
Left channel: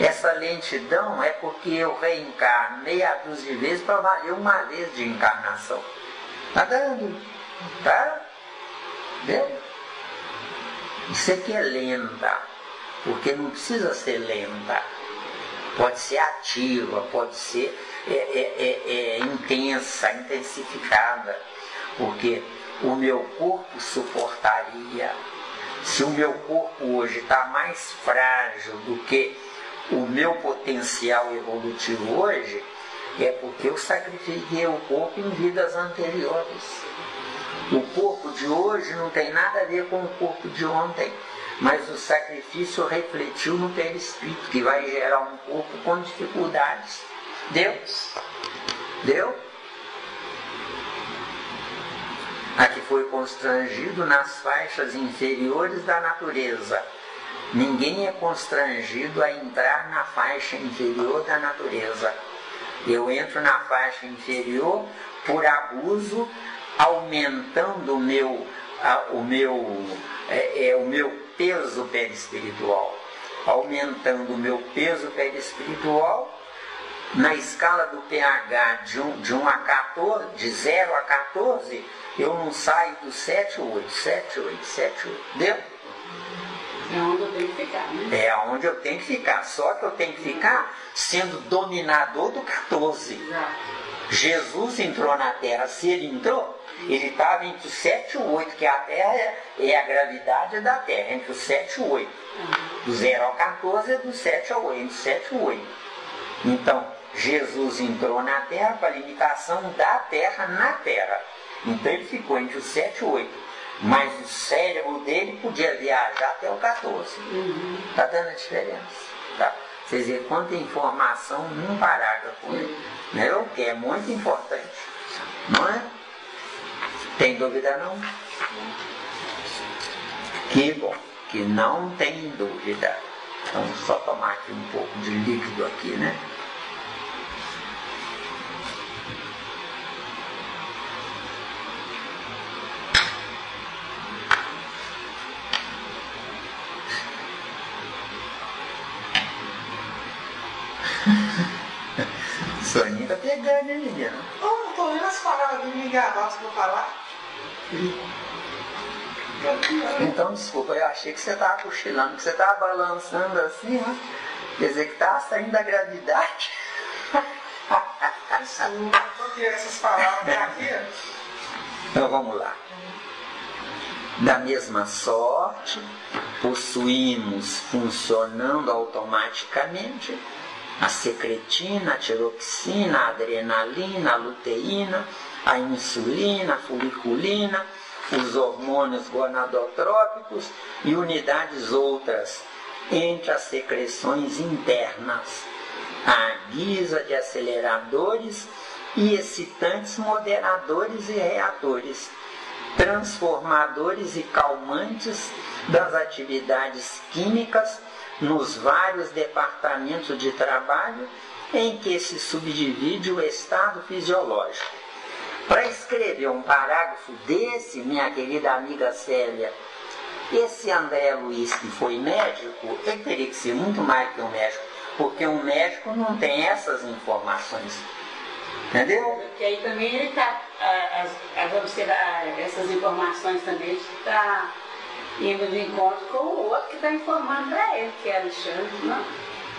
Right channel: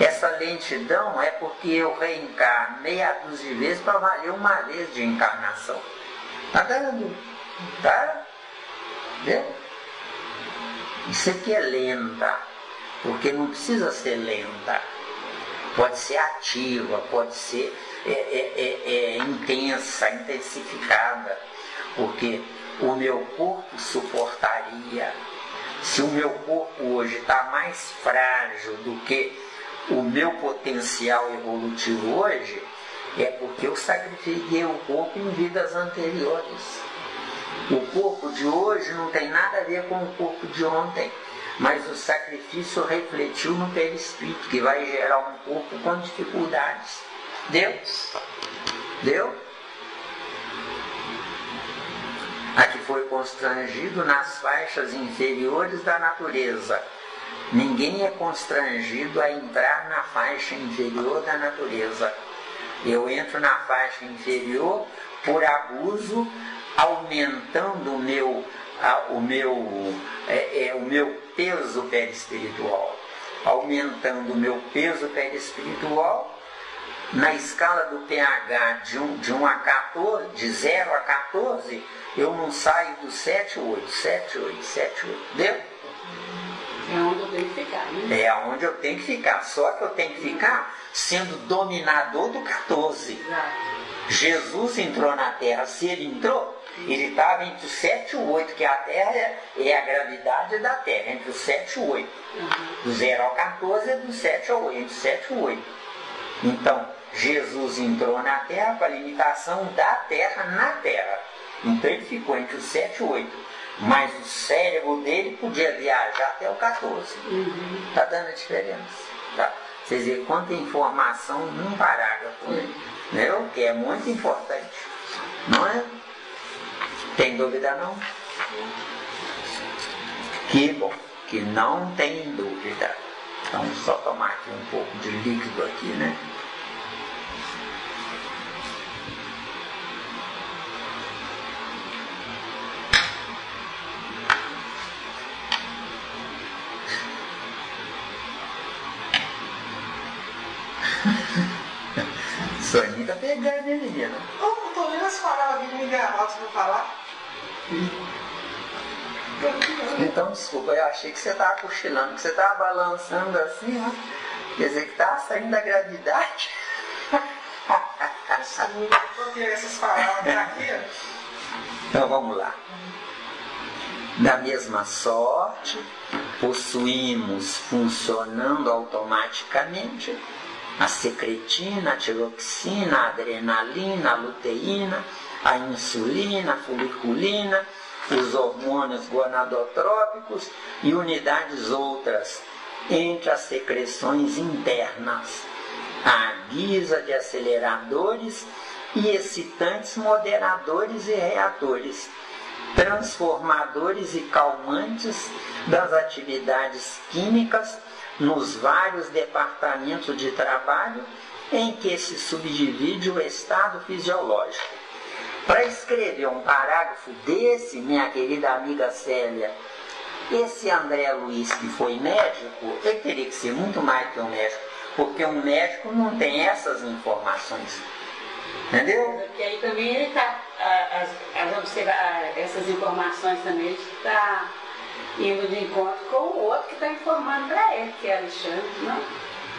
Essa lentidão é porque eu reencarno meia dúzia de vezes para valer uma vez de encarnação. Tá dando? Tá? Viu? Isso aqui é lenta, porque não precisa ser lenta. Pode ser ativa, pode ser intensa, intensificada, porque o meu corpo suportaria. Se o meu corpo hoje está mais frágil do que o meu potencial evolutivo hoje, é porque eu sacrifiquei o corpo em vidas anteriores. O corpo de hoje não tem nada a ver com o corpo de ontem, mas o sacrifício refletiu no perispírito, que vai gerar um corpo com dificuldades. Deu? Deu? A que foi constrangido nas faixas inferiores da natureza. Ninguém é constrangido a entrar na faixa inferior da natureza. Eu entro na faixa inferior por abuso, aumentando o meu peso perispiritual. aumentando o meu peso perispiritual. Na escala do pH de 1 a 14, de 0 a 14, eu não saio do 7, 8, 7, 8, 7, 8. Dentro? É onde eu tenho que ficar, né? É onde eu tenho que ficar. Só que eu tenho que ficar sendo dominador do 14. Exato. Jesus entrou na Terra. Se ele entrou, ele estava entre o 7 e o 8, que a Terra é a gravidade da Terra, entre o 7 e o 8. Do 0 ao 14 é do 7 ao 8, do 7 e o 8. Então, Jesus entrou na Terra para a limitação da Terra na Terra. Então ele ficou entre o 7 e o 8. Mas o cérebro dele podia viajar até o 14. Está dando a diferença. Tá? Vocês veem quanta informação num parágrafo. Né? O que é muito importante. Não é? Tem dúvida não? Que bom, que não tem dúvida. Então só tomar aqui um pouco de líquido aqui, né? Soninho tá pegando, hein, menino? Não tô vendo as palavras de me enganar pra falar. Então, desculpa, eu achei que você estava cochilando, que você estava balançando assim, né? Quer dizer que estava saindo da gravidade. Porque essas palavras aqui. Então vamos lá. Da mesma sorte, possuímos funcionando automaticamente a secretina, a tiroxina, a adrenalina, a luteína, a insulina, a foliculina, os hormônios gonadotrópicos e unidades outras, entre as secreções internas, à guisa de aceleradores e excitantes moderadores e reatores, transformadores e calmantes das atividades químicas nos vários departamentos de trabalho em que se subdivide o estado fisiológico. Para escrever um parágrafo desse, minha querida amiga Célia, esse André Luiz, que foi médico, ele teria que ser muito mais que um médico, porque um médico não tem essas informações. Entendeu? Porque aí também ele está, essas informações também, ele está indo de encontro com o outro que está informando para ele, que é Alexandre, não?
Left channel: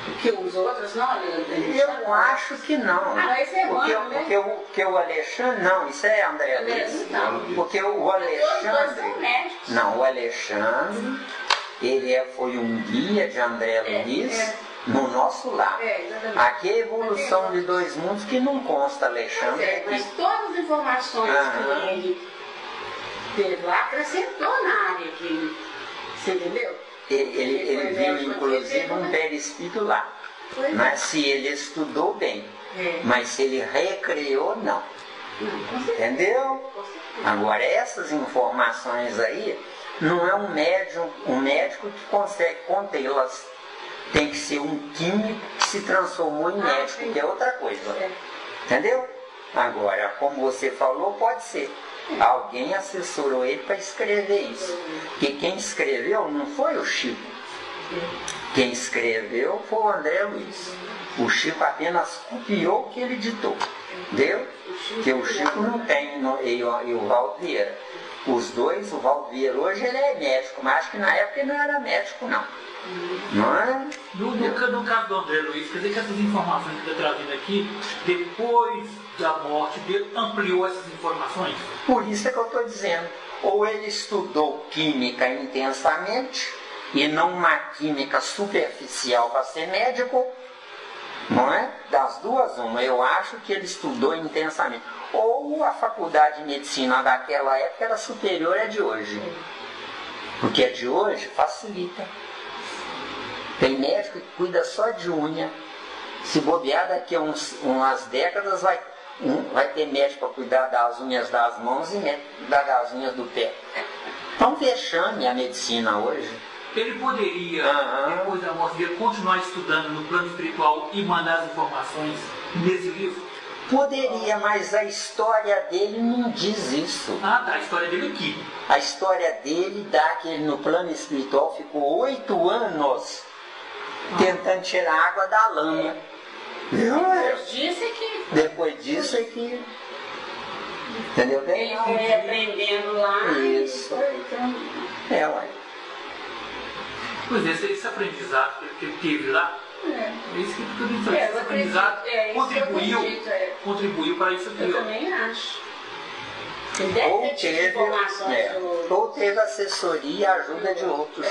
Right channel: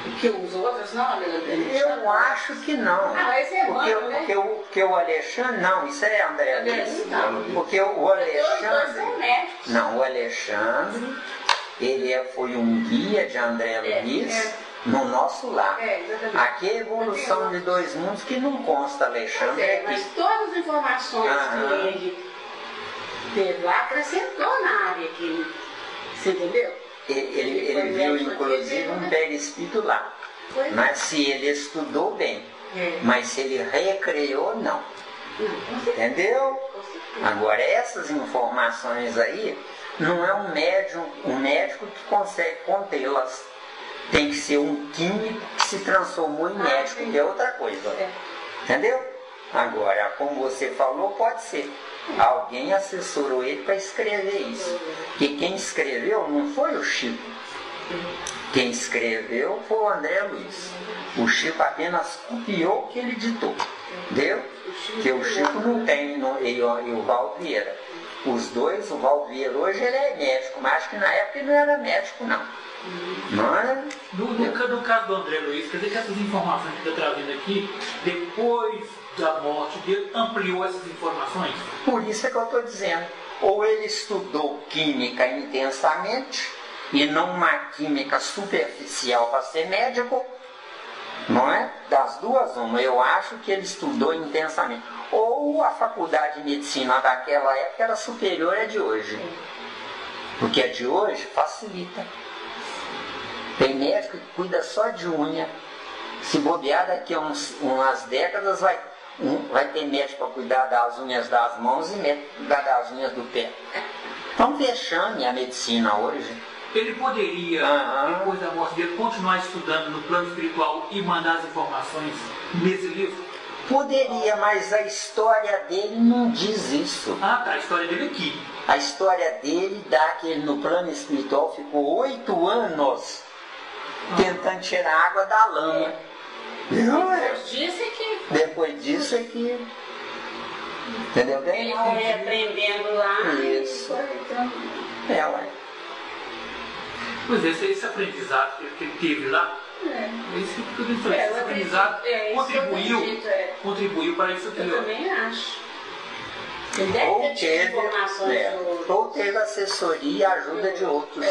Porque os outros não, Alexandre? Eu acho que não. Ah, esse é porque, bom, né? porque o Alexandre, não, isso é André Luiz. Não. Porque o Alexandre. Não, o Alexandre, ele foi um guia de André Luiz no nosso lar. Aqui é a evolução de dois mundos que não consta, Alexandre. Mas todas as informações que ele teve lá acrescentou na área que. Você entendeu? Ele viu inclusive um perispírito lá. Mas se ele estudou bem. Mas se ele recriou, não. Entendeu? Agora essas informações aí, não é um médico que consegue contê-las. Tem que ser um químico que se transformou em médico, que é outra coisa. Entendeu? Agora, como você falou, pode ser. Alguém assessorou ele para escrever isso. E quem escreveu não foi o Chico. Quem escreveu foi o André Luiz. O Chico apenas copiou o que ele ditou. Entendeu? Porque o Chico não tem, e o Valdo Vieira. Os dois, o Valdo Vieira hoje ele é médico, mas acho que na época ele não era médico, não. Não é? No caso do André Luiz, quer dizer que essas informações que está trazendo aqui, depois da morte dele, ampliou essas informações? Por isso é que eu estou dizendo. Ou ele estudou química intensamente, e não uma química superficial para ser médico, não é? Das duas, uma. Eu acho que ele estudou intensamente. Ou a faculdade de medicina daquela época era superior à de hoje. Porque a de hoje facilita. Tem médico que cuida só de unha. Se bobear daqui a umas décadas vai ter médico para cuidar das unhas das mãos e médico para cuidar das unhas do pé. Estão fechando a medicina hoje. Ele poderia, depois da morte dele, continuar estudando no plano espiritual e mandar as informações nesse livro? Poderia, mas a história dele não diz isso. Ah, tá, a história dele aqui. A história dele dá que ele no plano espiritual ficou 8 anos tentando tirar a água da lama. Depois disso é que. Entendeu bem? Ele foi aprendendo lá. Isso. Ué. Pois é, esse aprendizado que ele teve lá, esse aprendizado contribuiu para isso aqui. Eu também acho. Você deve ter tido informações sobre. Ou teve assessoria e ajuda de outros.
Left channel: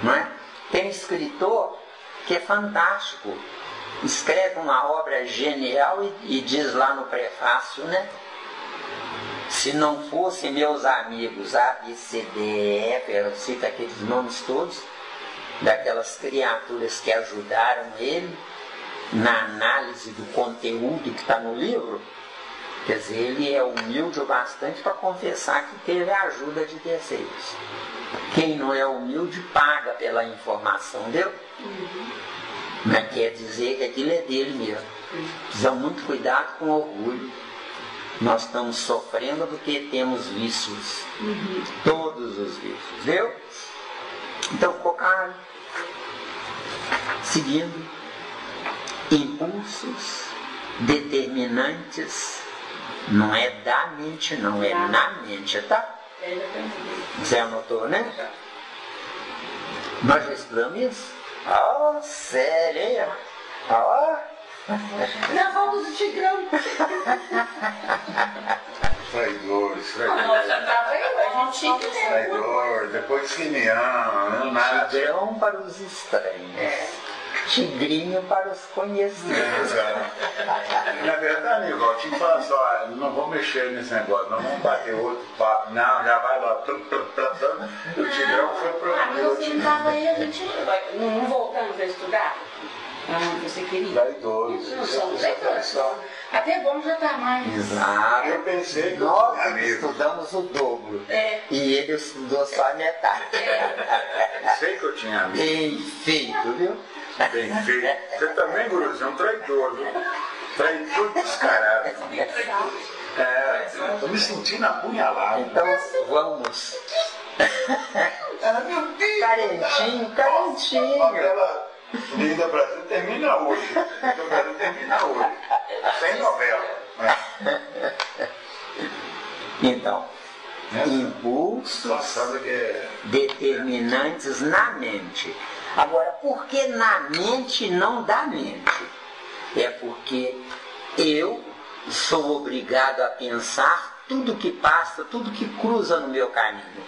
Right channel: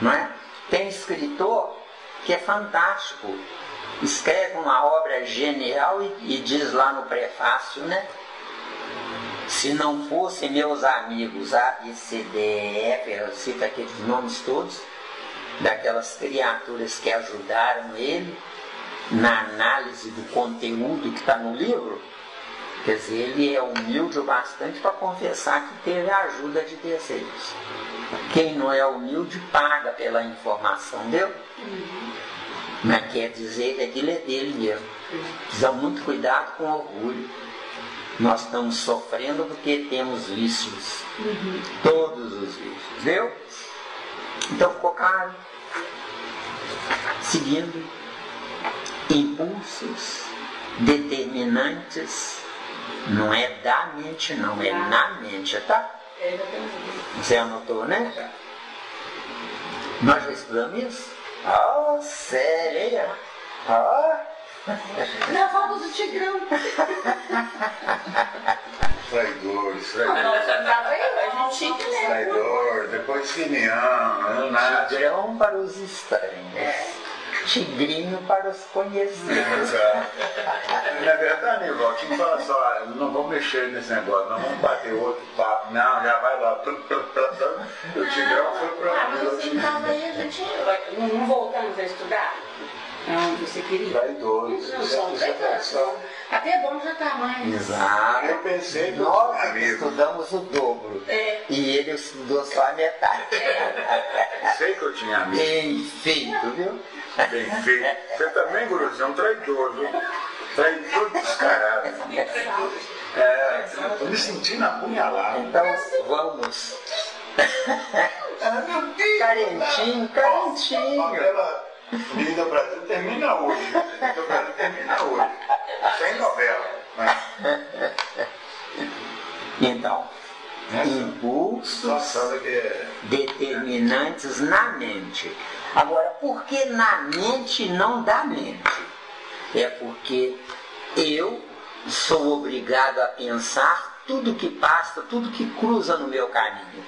Não é? Tem escritor que é fantástico. Escreve uma obra genial e diz lá no prefácio, né? Se não fossem meus amigos A, B, C, D, E, F, eu cito aqueles nomes todos, daquelas criaturas que ajudaram ele na análise do conteúdo que está no livro, quer dizer, ele é humilde o bastante para confessar que teve a ajuda de terceiros. Quem não é humilde paga pela informação dele, mas quer dizer que aquilo é dele mesmo. Precisa muito cuidado com o orgulho. Nós estamos sofrendo porque temos vícios. Todos os vícios. Viu? Então ficou claro. Seguindo. Impulsos determinantes. Não é da mente, não. É na mente, tá? Você anotou, né? Nós já estudamos isso? Oh, sério? Gravamos o Tigrão. Traidor. Traidor, depois Simeão, nada. Tigrão para os estranhos. Tigrinho para os conhecidos. Na verdade, igual, tinha que falar só, não vamos mexer nesse negócio, não vamos bater outro papo, não, já vai lá, o Tigrão foi para mas você estava aí, a gente não voltamos a estudar? Não, você queria? Traidores. Não somos traidores. Até bom já está mais. Exato. Eu pensei que nós estudamos o dobro. E ele estudou só a metade. Sei que eu tinha amigo. Bem feito, viu? Bem feito. Você também, Guru, você é um traidor, viu? Traidor descarado. Estou me sentindo apunhalado. Então, vamos. Carentinho. Linda Brasil termina hoje. Linda Brasil termina hoje. Sem novela. Mas... Então, impulsos determinantes na mente. Agora, por que na mente e não da mente? É porque eu sou obrigado a pensar tudo que passa, tudo que cruza no meu caminho.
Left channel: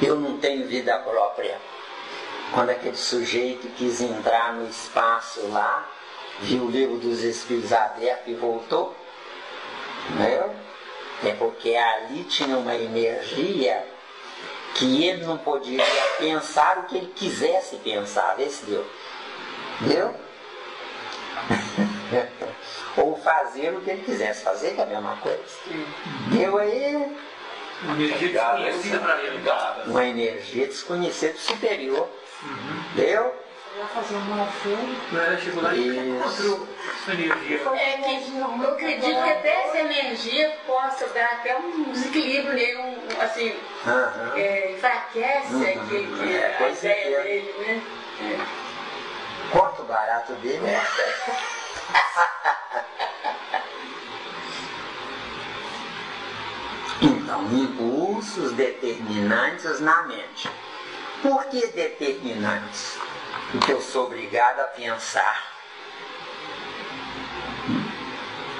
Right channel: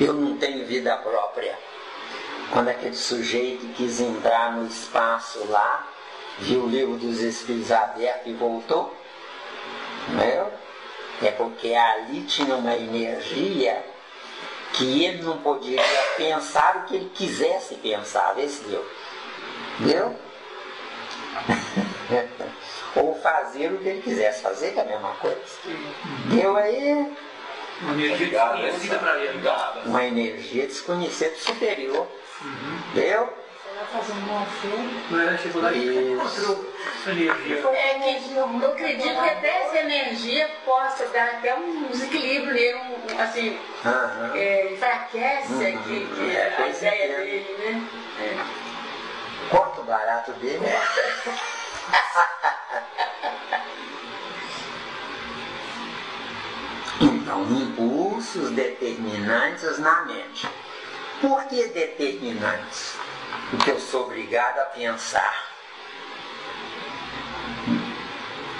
Eu não tenho vida própria. Quando aquele sujeito quis entrar no espaço lá, viu o livro dos Espíritos aberto e voltou, né? É porque ali tinha uma energia que ele não podia pensar o que ele quisesse pensar, desse deu. Entendeu? Ou fazer o que ele quisesse fazer, que é a mesma coisa. Deu aí. Uma energia desconhecida para ele. Uma energia desconhecida superior. Deu? Você vai fazer um filme. Ela chegou lá e encontrou essa energia. Eu acredito que até essa energia possa dar até um desequilíbrio nele, assim, enfraquece que a ideia dele, né? Quanto barato dele é? Então, impulsos determinantes na mente. Por que determinantes? Porque eu sou obrigado a pensar.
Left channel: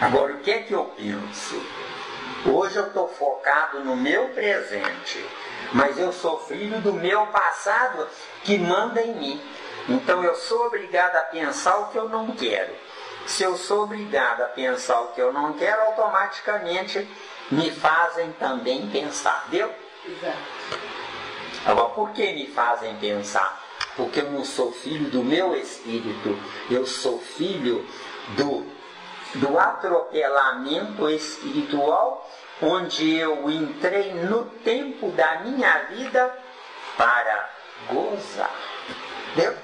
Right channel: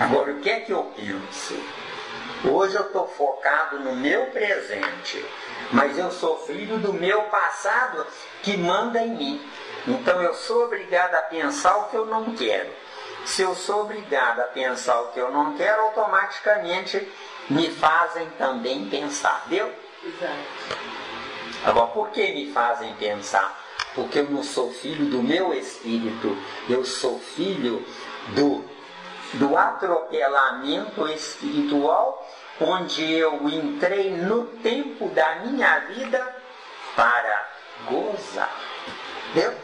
Agora, o que é que eu penso? Hoje eu estou focado no meu presente, mas eu sou filho do meu passado que manda em mim. Então eu sou obrigado a pensar o que eu não quero. Se eu sou obrigado a pensar o que eu não quero, automaticamente me fazem também pensar. Deu? Exato. Agora, por que me fazem pensar? Porque eu não sou filho do meu espírito, eu sou filho do atropelamento espiritual, onde eu entrei no tempo da minha vida para gozar. Entendeu?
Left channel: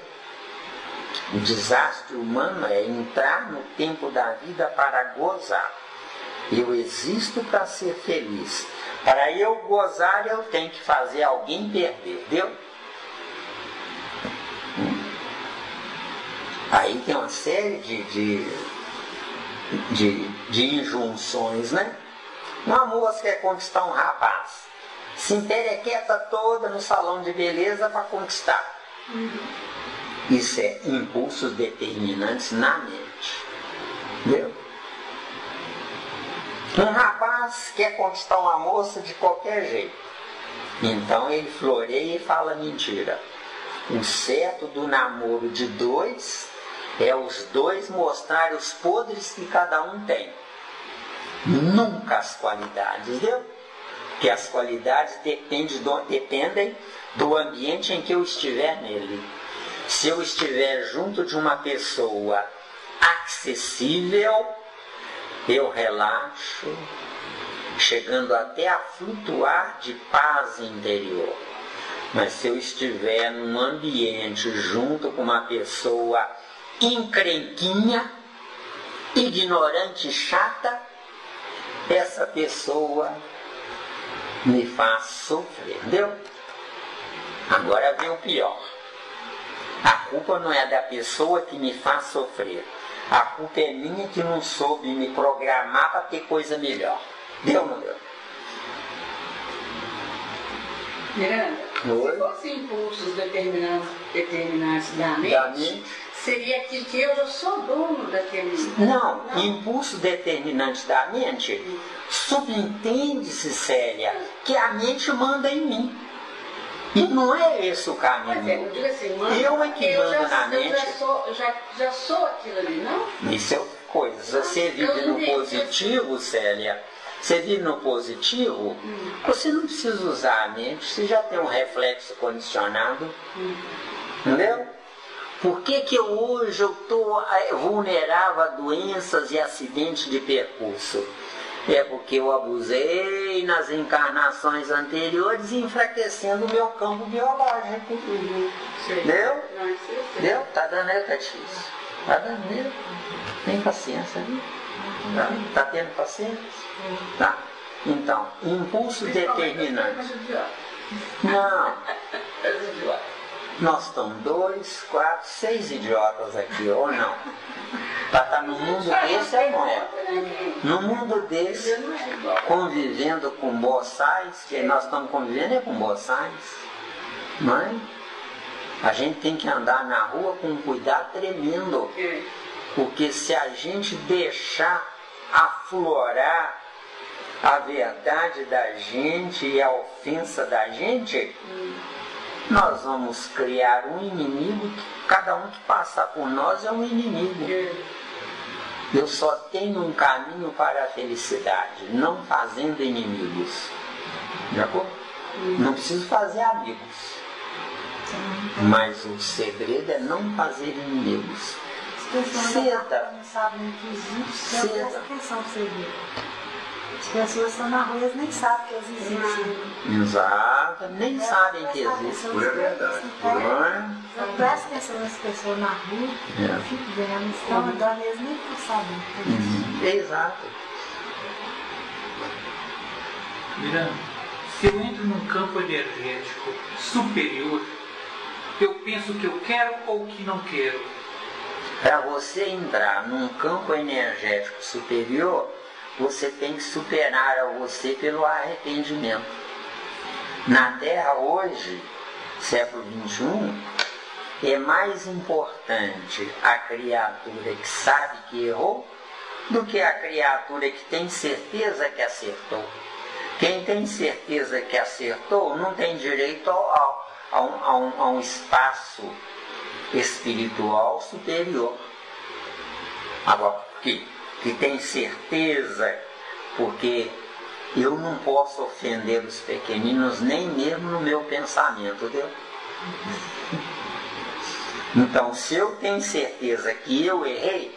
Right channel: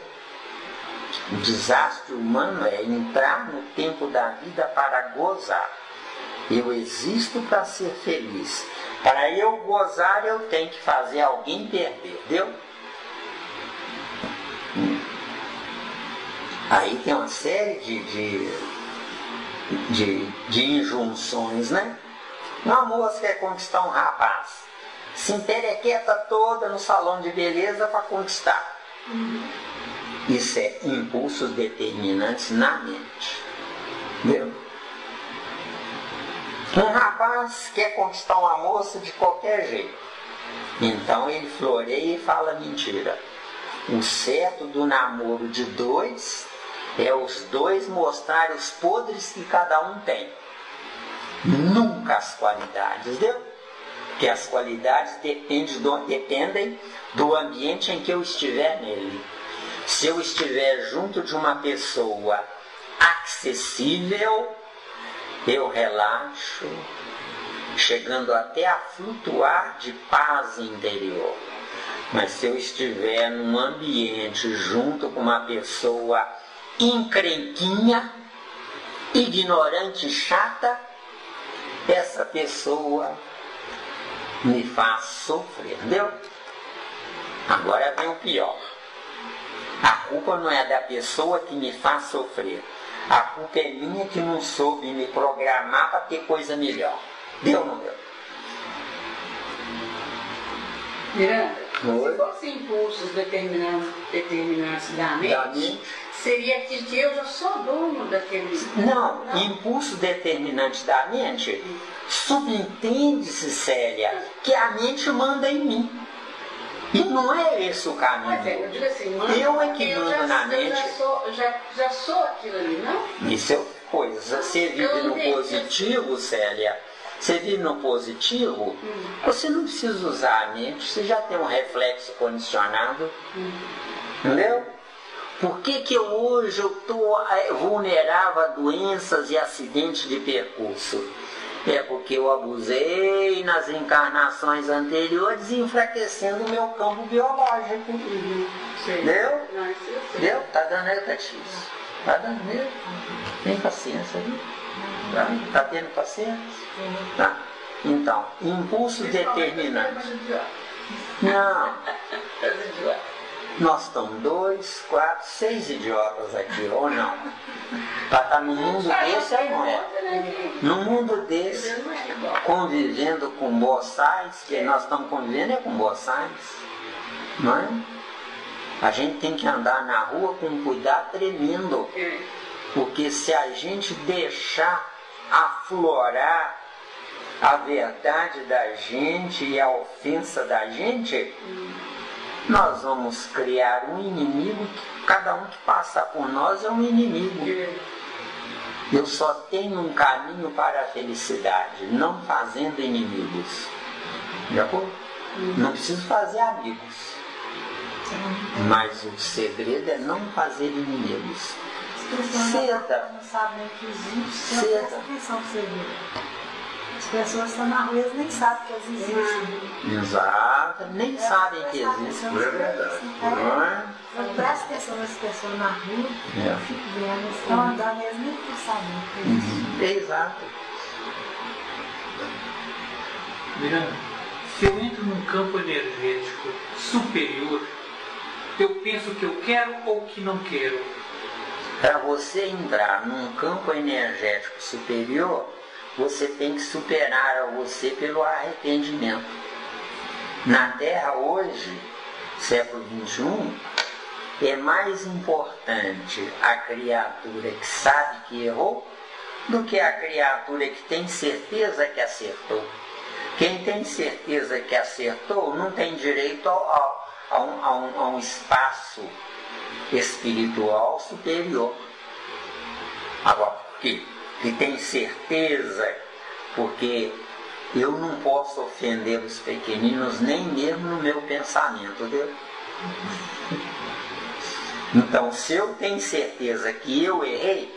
O desastre humano é entrar no tempo da vida para gozar. Eu existo para ser feliz. Para eu gozar, eu tenho que fazer alguém perder, entendeu? Aí tem uma série de injunções, né? Uma moça quer conquistar um rapaz, se emperequeta toda no salão de beleza para conquistar. Isso é impulsos determinantes na mente. Entendeu? Um rapaz quer conquistar uma moça de qualquer jeito. Então ele floreia e fala mentira. O certo do namoro de dois é os dois mostrarem os podres que cada um tem. Nunca as qualidades, entendeu? Porque as qualidades dependem do ambiente em que eu estiver nele. Se eu estiver junto de uma pessoa acessível, eu relaxo, chegando até a flutuar de paz interior. Mas se eu estiver num ambiente junto com uma pessoa encrenquinha, ignorante e chata, essa pessoa me faz sofrer, entendeu? Agora vem o pior. A culpa não é da pessoa que me faz sofrer. A culpa é minha que não soube me programar para ter coisa melhor. Deu ou não deu? Miranda, se fosse impulsos determinantes da mente, seria que eu já sou dono daquele... Não, impulso determinante da mente, subentende-se, Célia, que a mente manda em mim. E não é esse o caminho. Mas eu digo assim, Eu é que mando na mente. Já sou aquilo ali, não? Isso é coisa. Você vive no positivo, Célia. Você vive no positivo, você não precisa usar a mente, você já tem um reflexo condicionado. Entendeu? Por que hoje eu estou vulnerável a doenças e acidentes de percurso? É porque eu abusei nas encarnações anteriores, enfraquecendo o meu campo biológico. Entendeu? Entendeu? Está dando aí o catecismo. Está dando mesmo. Tem paciência ali. Está tendo paciência? Tá? Então, impulso determinante. Não. Nós estamos 2, 4, 6 idiotas aqui, ou não? Para estar no mundo desse é bom. No mundo desse, convivendo com boçais, que nós estamos convivendo com boçais, não é? A gente tem que andar na rua com um cuidado tremendo, porque se a gente deixar aflorar a verdade da gente e a ofensa da gente, nós vamos criar um inimigo, cada um que passar por nós é um inimigo. Eu só tenho um caminho para a felicidade, não fazendo inimigos. De acordo? Não preciso fazer amigos, mas o segredo é não fazer inimigos. Cedo. Não sabem que existe, então presta atenção no segredo. As pessoas estão na rua, eles nem sabem que eles existem. Exato, nem sabem que existem. É verdade. Eu presto atenção nas pessoas na rua, eu fico vendo, eles estão andando, eles nem estão sabendo. Exato. Miranda, se eu entro num campo energético superior, eu penso que eu quero ou que não quero. Para você entrar num campo energético superior, você tem que superar a você pelo arrependimento. Na Terra hoje, século XXI, é mais importante a criatura que sabe que errou do que a criatura que tem certeza que acertou. Quem tem certeza que acertou não tem direito a um espaço espiritual superior. Agora, que tem certeza, porque eu não posso ofender os pequeninos nem mesmo no meu pensamento, entendeu? Então, se eu tenho certeza que eu errei,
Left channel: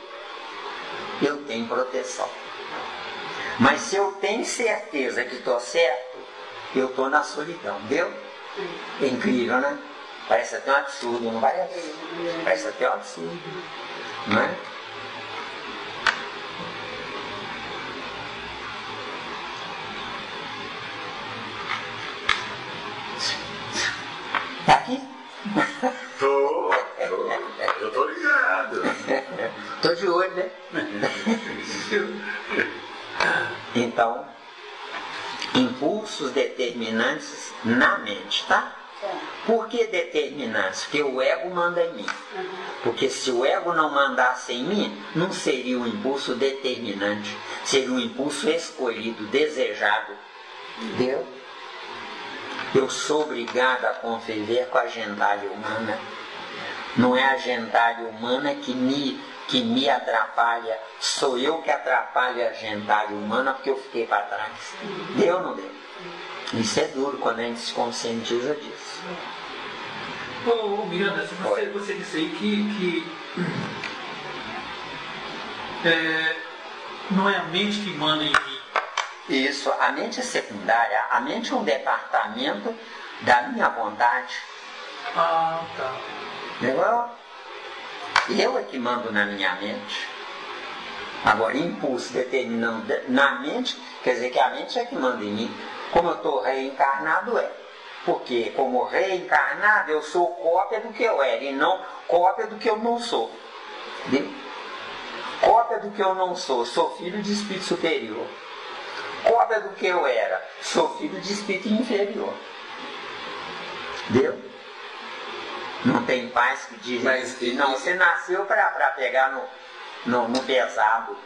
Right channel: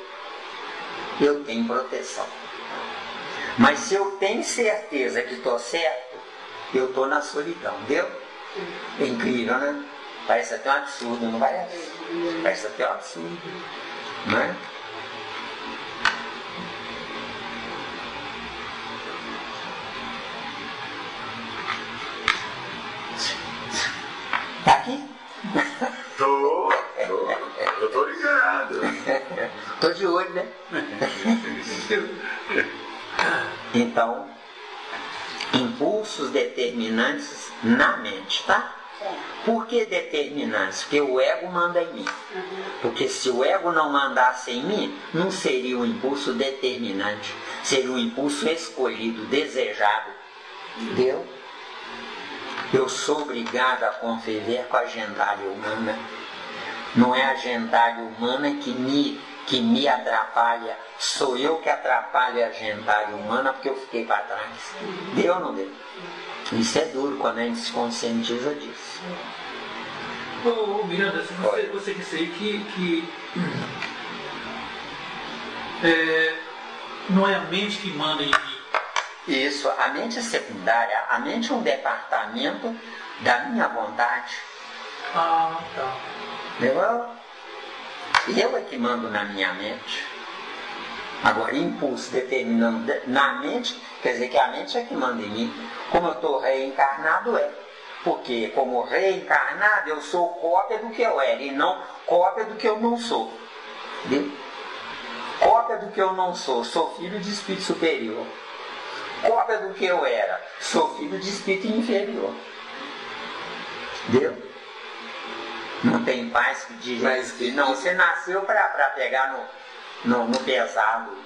eu tenho proteção. Mas se eu tenho certeza que estou certo, eu estou na solidão, entendeu? É incrível, né? Parece até um absurdo, não parece? Parece até um absurdo, não é? Eu tô ligado. doido, né? Então, impulsos determinantes na mente, tá? Por que determinantes? Porque o ego manda em mim. Porque se o ego não mandasse em mim, não seria um impulso determinante. Seria um impulso escolhido, desejado. Entendeu? Eu sou obrigado a conviver com a gentalha humana. Não é a gentalha humana que me atrapalha. Sou eu que atrapalho a gentalha humana porque eu fiquei para trás. Deu ou não deu? Isso é duro quando a gente se conscientiza disso. Ô Miranda, você disse aí que não é a mente que manda em mim. Isso, a mente é secundária. A mente é um departamento da minha vontade. Ah, tá. Entendeu? E eu é que mando na minha mente. Agora, impulso determinando na mente, quer dizer que a mente é que manda em mim. Como eu estou reencarnado, é. Porque como reencarnado, eu sou cópia do que eu era e não cópia do que eu não sou. Entendeu? Cópia do que eu não sou. Sou filho de espírito superior. Cópia do que eu era. Sou filho de espírito inferior. Entendeu? Não tem paz que diz. Mas não, você nasceu para pegar no pesado.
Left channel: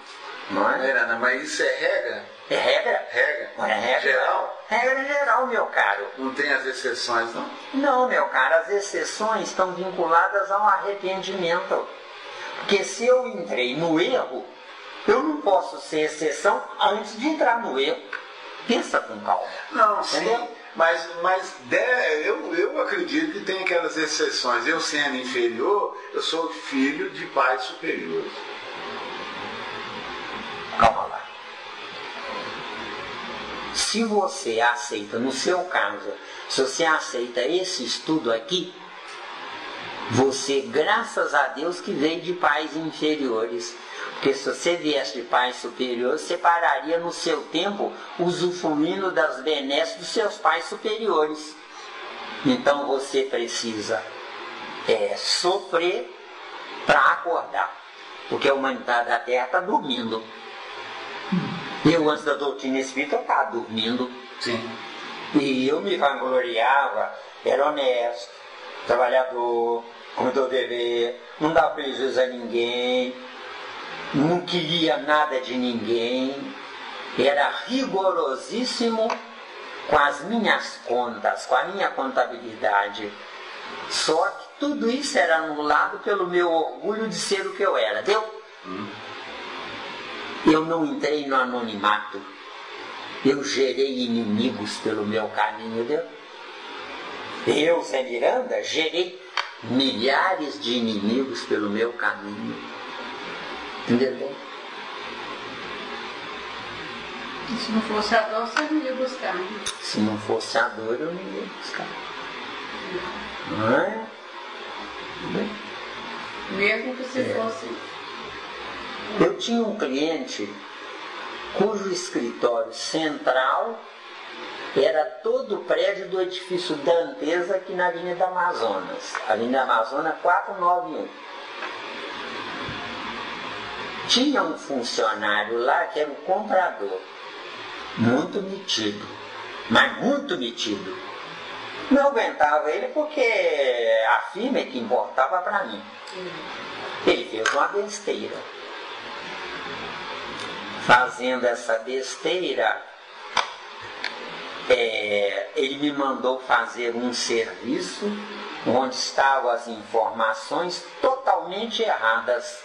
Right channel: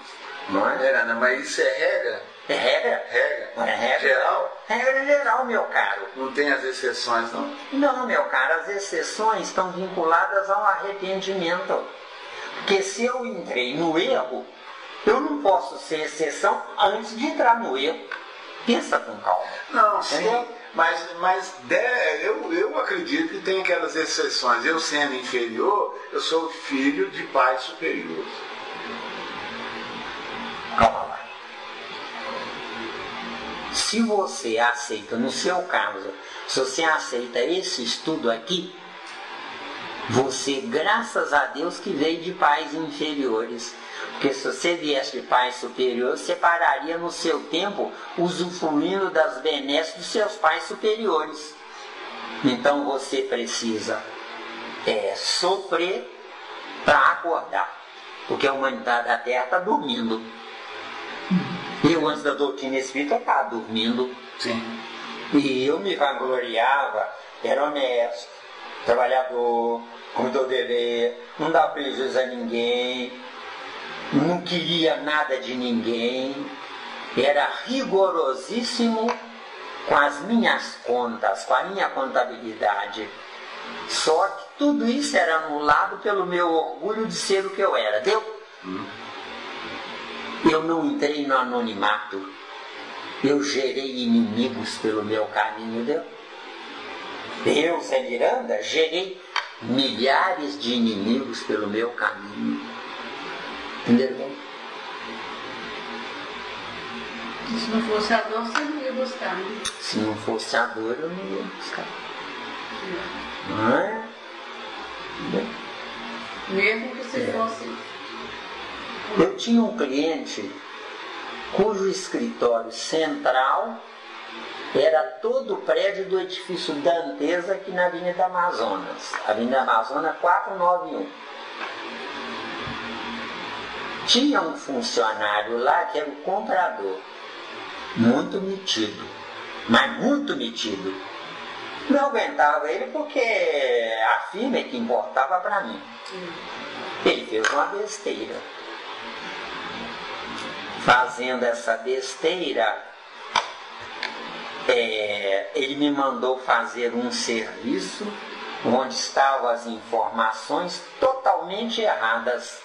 Não é? Não, mas isso é regra? É regra? Regra. Não é regra? Geral? Regra geral, meu caro. Não tem as exceções, não? Não, meu caro, as exceções estão vinculadas ao arrependimento. Porque se eu entrei no erro, eu não posso ser exceção antes de entrar no erro. Pensa com calma. Não, sim. Entendeu? Mas eu acredito que tem aquelas exceções. Eu sendo inferior, eu sou filho de pais superiores. Calma lá. Se você aceita, no seu caso, se você aceita esse estudo aqui, você, graças a Deus, que veio de pais inferiores. Porque se você viesse de pais superiores, você pararia no seu tempo usufruindo das benesses dos seus pais superiores. Então você precisa sofrer para acordar. Porque a humanidade da Terra está dormindo. Eu, antes da doutrina espírita, eu estava dormindo. Sim. E eu me vangloriava, era honesto, trabalhador, cumpridor de dever, não dava prejuízo a ninguém, não queria nada de ninguém, era rigorosíssimo com as minhas contas, com a minha contabilidade. Só que tudo isso era anulado pelo meu orgulho de ser o que eu era, deu? Eu não entrei no anonimato. Eu gerei inimigos pelo meu caminho, deu? Eu, Zé Miranda, gerei milhares de inimigos pelo meu caminho. Entendeu? Se não fosse a dor, você não ia buscar, né? Se não fosse a dor, eu não ia buscar. Não é? Mesmo que se fosse. Eu tinha um cliente cujo escritório central era todo o prédio do edifício Dantesa aqui na Avenida Amazonas. Avenida Amazonas 491. Tinha um funcionário lá que era o comprador. Muito metido. Mas muito metido. Não aguentava ele porque a firma é que importava para mim. Ele fez uma besteira. Fazendo essa besteira, ele me mandou fazer um serviço onde estavam as informações totalmente erradas.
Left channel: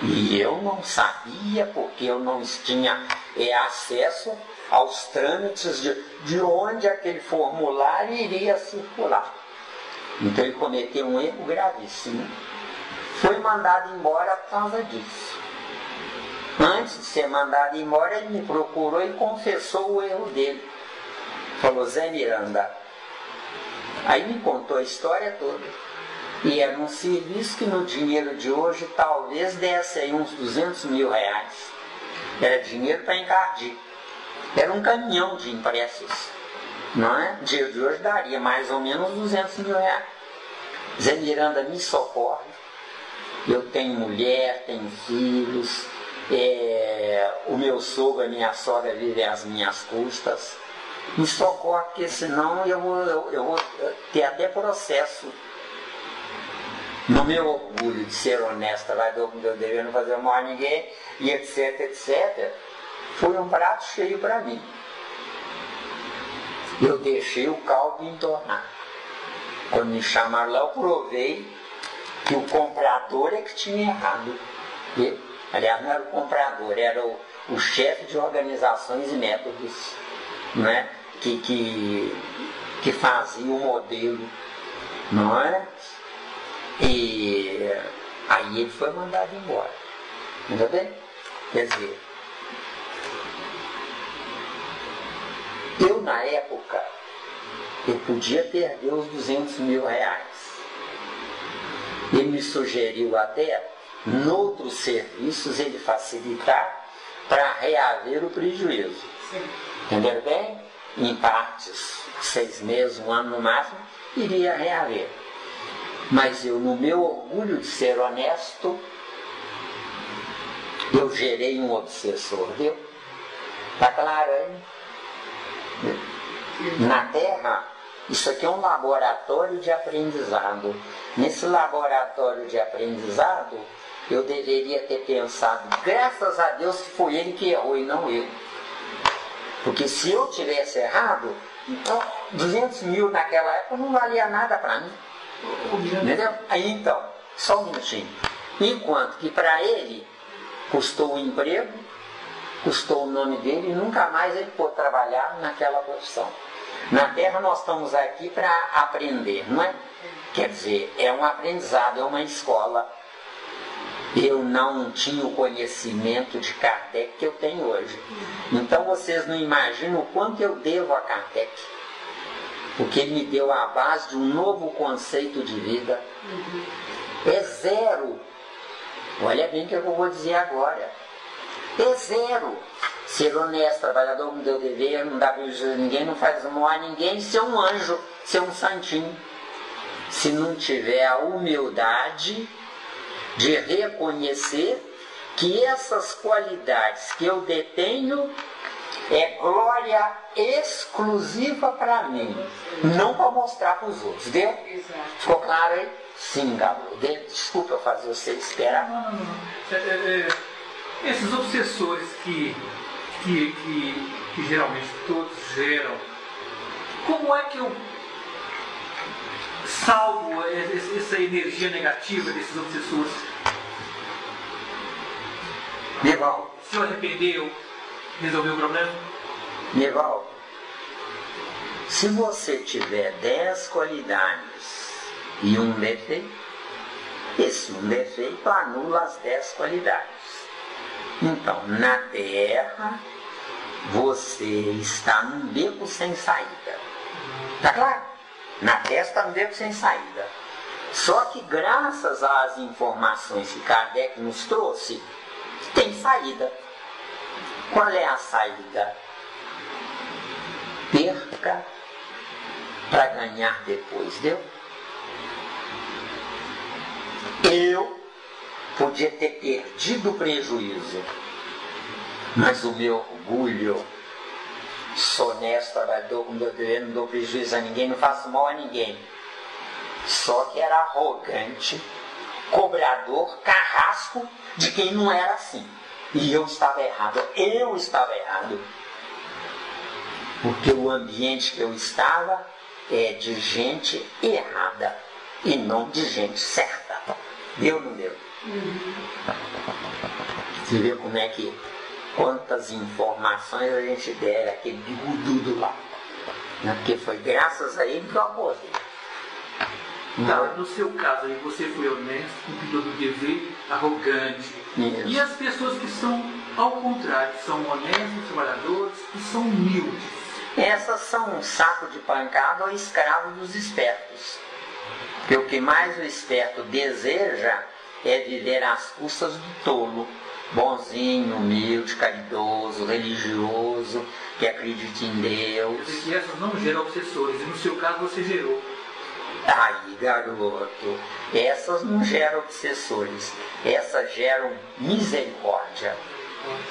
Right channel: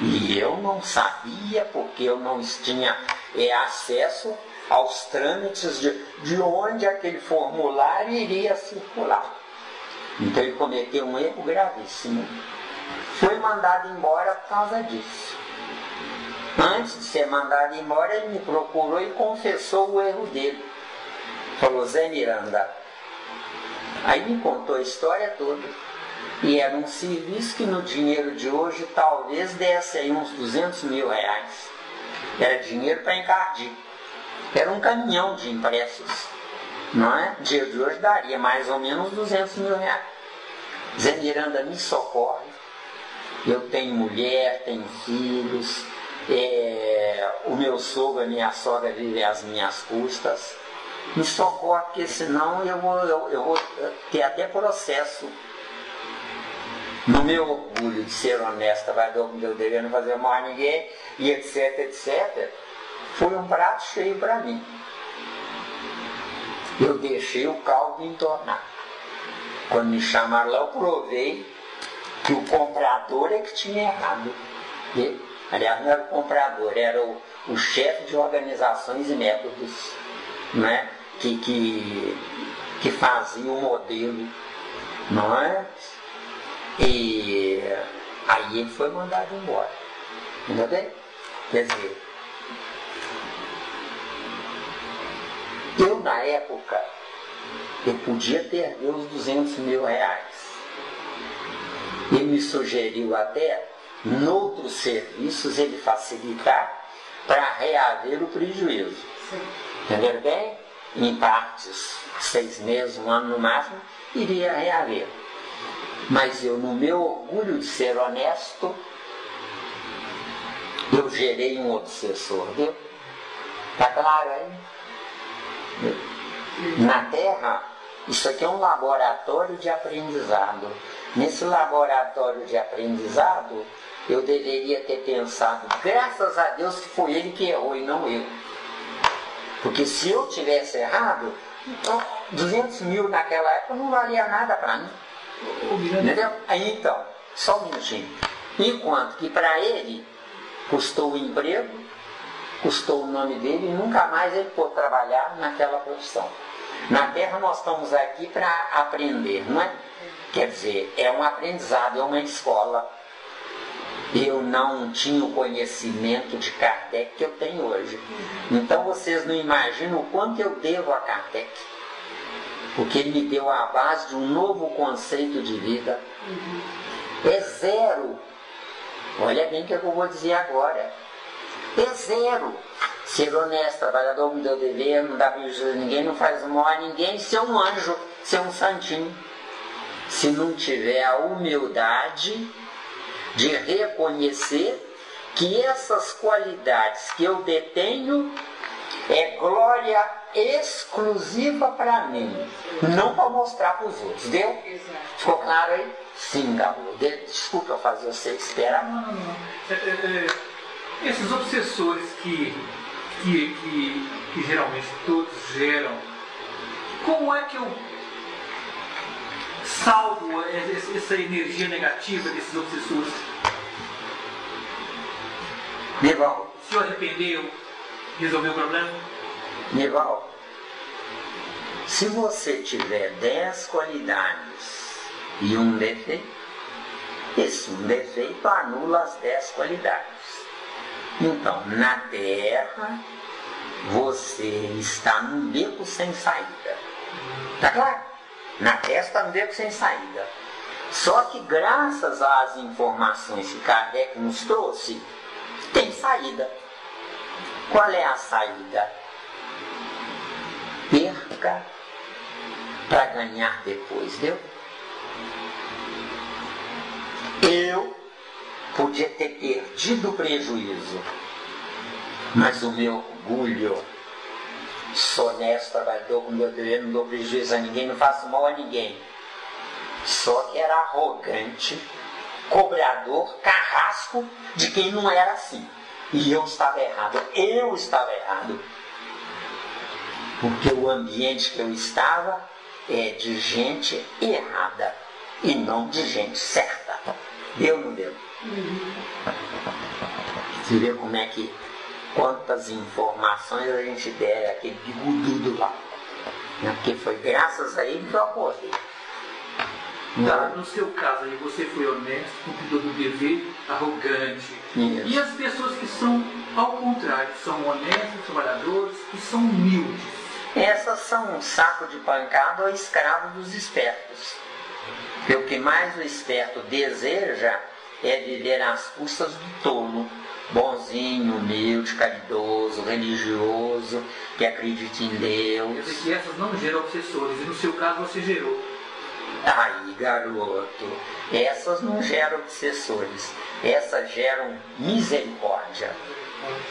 E eu não sabia, porque eu não tinha acesso aos trâmites de onde aquele formulário iria circular. Então ele cometeu um erro gravíssimo. Foi mandado embora por causa disso. Antes de ser mandado embora, ele me procurou e confessou o erro dele. Falou: Zé Miranda. Aí me contou a história toda. E era um serviço que no dinheiro de hoje talvez desse aí uns 200 mil reais. Era dinheiro para encardir. Era um caminhão de impressos. Não é? No dia de hoje daria mais ou menos 200 mil reais. Zé Miranda, me socorre. Eu tenho mulher, tenho filhos, o meu sogro, a minha sogra vivem às minhas custas. Me socorre, porque senão eu vou ter até processo. No meu orgulho de ser honesta, vai dar o meu dever, não fazer mal a ninguém, e etc, etc, foi um prato cheio para mim. Eu deixei o caldo entornar. Quando me chamaram lá, eu provei que o comprador é que tinha errado. Aliás, não era o comprador, era o chefe de organizações e métodos, não é? que fazia o modelo, não é? E aí ele foi mandado embora. Entendeu? Quer dizer, eu na época, eu podia perder os 200 mil reais. Ele me sugeriu até, noutros serviços, ele facilitar para reaver o prejuízo. Entendeu bem? Em partes, 6 meses, 1 ano no máximo, iria reaver. Mas eu, no meu orgulho de ser honesto, eu gerei um obsessor, viu? Está claro aí? Na Terra, isso aqui é um laboratório de aprendizado. Nesse laboratório de aprendizado, eu deveria ter pensado, graças a Deus que foi ele que errou e não eu. Porque se eu tivesse errado, 200 mil naquela época não valia nada para mim. Entendeu? Aí então, só um minutinho. Enquanto que para ele custou o emprego, custou o nome dele e nunca mais ele pôde trabalhar naquela profissão. Na Terra nós estamos aqui para aprender, não é? Quer dizer, é um aprendizado, é uma escola. Eu não tinha o conhecimento de Kardec que eu tenho hoje. Então vocês não imaginam o quanto eu devo a Kardec. Porque ele me deu a base de um novo conceito de vida. É zero. Olha bem o que eu vou dizer agora. É zero. Ser honesto, trabalhador, me deu dever, não dá prejuízo a ninguém, não faz mal a ninguém, ser um anjo, ser um santinho. Se não tiver a humildade de reconhecer que essas qualidades que eu detenho é glória exclusiva para mim, não para mostrar para os outros, viu? Ficou claro aí? Sim, Galo. Desculpa eu fazer você esperar. Não. Esses obsessores que geralmente todos geram, como é que eu salvo essa energia negativa desses obsessores? Nival. Se eu arrependeu, resolveu o problema? Nival, se você tiver 10 qualidades e um defeito, esse um defeito anula as 10 qualidades. Então, na Terra, você está num beco sem saída. Tá claro? Na Terra está num beco sem saída. Só que graças às informações que Kardec nos trouxe, tem saída. Qual é a saída? Perca para ganhar depois, viu? Eu podia ter perdido o prejuízo, mas o meu orgulho, sou honesto, trabalhador com meu dever, não dou prejuízo a ninguém, não faço mal a ninguém. Só que era arrogante, cobrador, carrasco de quem não era assim. E eu estava errado, porque o ambiente que eu estava é de gente errada e não de gente certa. Deu ou não deu? Você vê como é que quantas informações a gente der aquele bigodudo lá, né? Porque foi graças a ele que eu acordei. No seu caso aí, você foi honesto, cumpridor do dever, arrogante. Isso. E as pessoas que são ao contrário, são honestos, trabalhadores e são humildes? Essas são um saco de pancada ou escravo dos espertos. E o que mais o esperto deseja é viver às custas do tolo, bonzinho, humilde, caridoso, religioso, que acredita em Deus. E essas não geram obsessores, e no seu caso você gerou. Aí, garoto, essas não geram obsessores, essas geram misericórdia.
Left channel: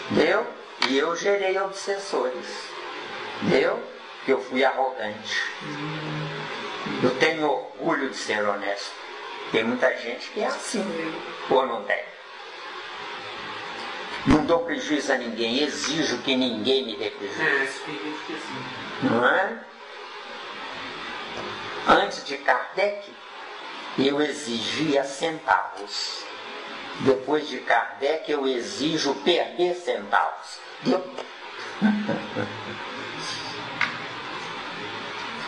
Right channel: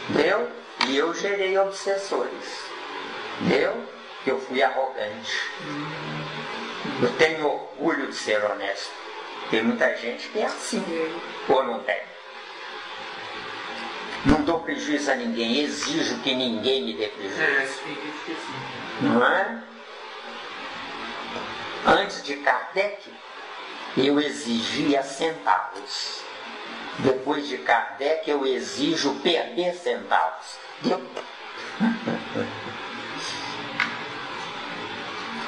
Entendeu? E eu gerei obsessores. Entendeu? Eu fui arrogante. Eu tenho orgulho de ser honesto. Tem muita gente que é assim, ou não tem? Não dou prejuízo a ninguém, exijo que ninguém me dê prejuízo. Não é? Antes de Kardec, eu exigia centavos. Depois de Kardec, eu exijo perder centavos.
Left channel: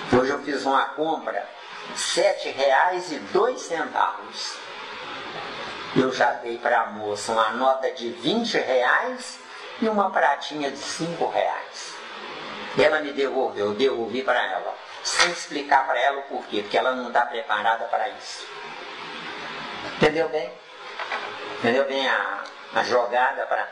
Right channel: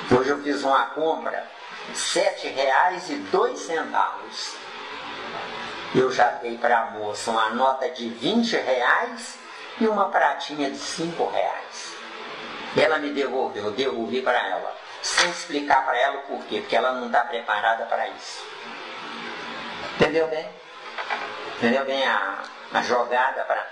Hoje eu fiz uma compra, R$ 7,02. Eu já dei para a moça uma nota de R$ 20 e uma pratinha de R$ 5. Ela me devolveu, eu devolvi para ela, sem explicar para ela o porquê, porque ela não está preparada para isso. Entendeu bem? Entendeu bem a jogada para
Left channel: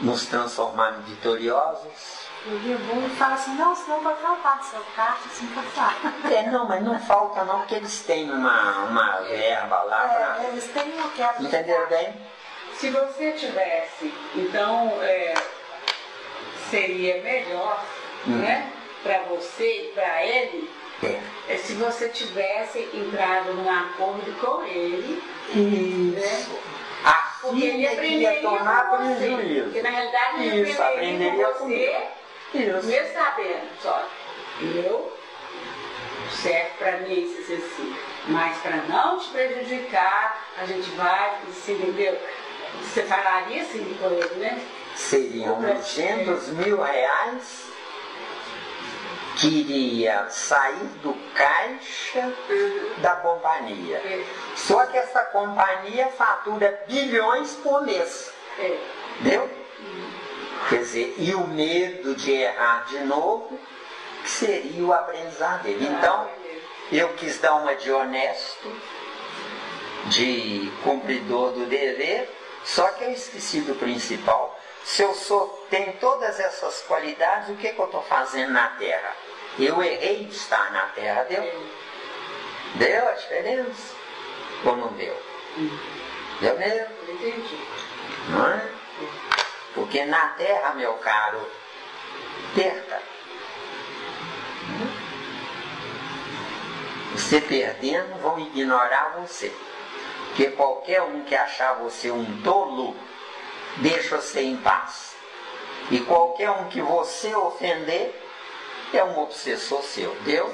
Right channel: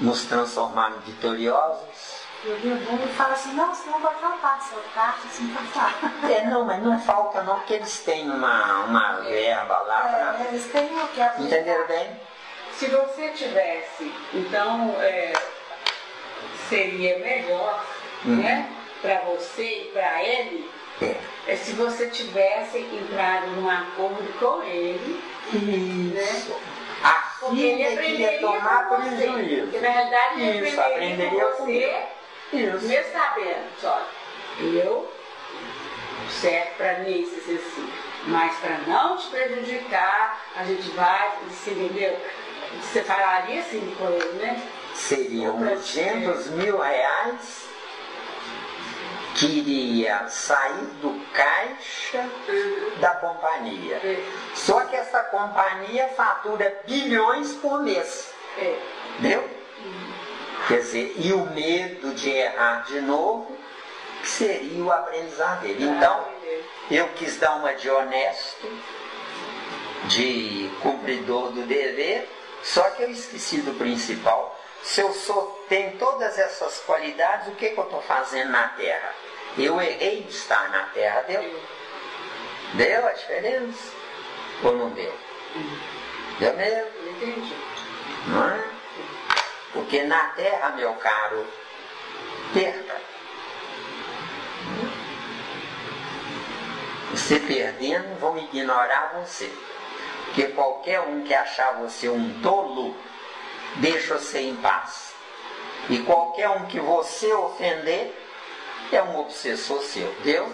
nos transformarmos vitoriosos? Ele fala assim, não, senão vai faltar seu carro, assim vai faltar. Não, mas não falta não, porque eles têm uma verba lá. Eles têm o que é. Entenderam bem? Se você tivesse, então, seria melhor, né, para você e para ele, se você tivesse entrado num acordo com ele. Isso. Né? A Porque ele filha queria tomar prejuízo. Porque na realidade ele aprenderia com você, mesmo sabendo, só, eu serve para mim esse exercício, mas para não te prejudicar, a gente vai, você entendeu? Você falaria assim com ele, né? Seriam R$200 mil que iria sair do caixa da companhia. Só que essa companhia fatura bilhões por mês. Entendeu? Quer dizer, e o medo de errar de novo seria o aprendizado dele. Então, eu quis dar uma de honesto, de cumpridor do dever, só que eu esqueci do principal. Se eu tenho todas essas qualidades, o que eu estou fazendo na Terra? Eu errei de estar na Terra, deu? Deu a diferença? Ou não deu? Deu mesmo? Entendi. Não é? Porque na Terra, meu caro, perca. Você perdendo, vão ignorar você. Porque qualquer um que achar você um tolo, deixa você em paz. E qualquer um que você ofender, é um obsessor seu. Deu?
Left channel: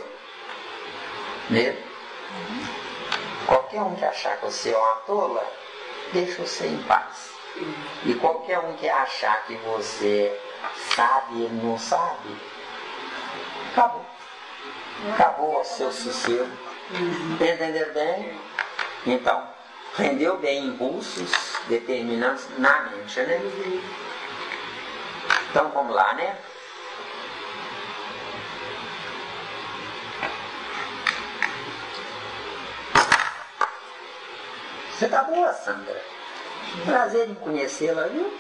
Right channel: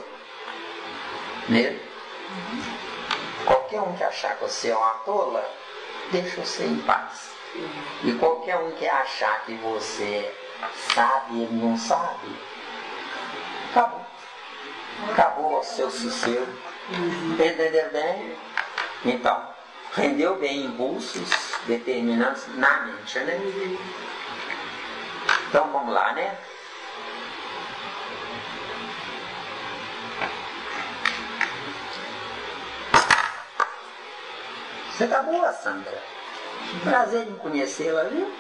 Né? Qualquer um que achar que você é uma tola, deixa você em paz. E qualquer um que achar que você sabe, ele não sabe, acabou. Acabou o seu sossego. Entenderam bem? Então, rendeu bem impulsos determinantes na mente, né? Então vamos lá, né? Você está boa, Sandra? Prazer em conhecê-la, viu?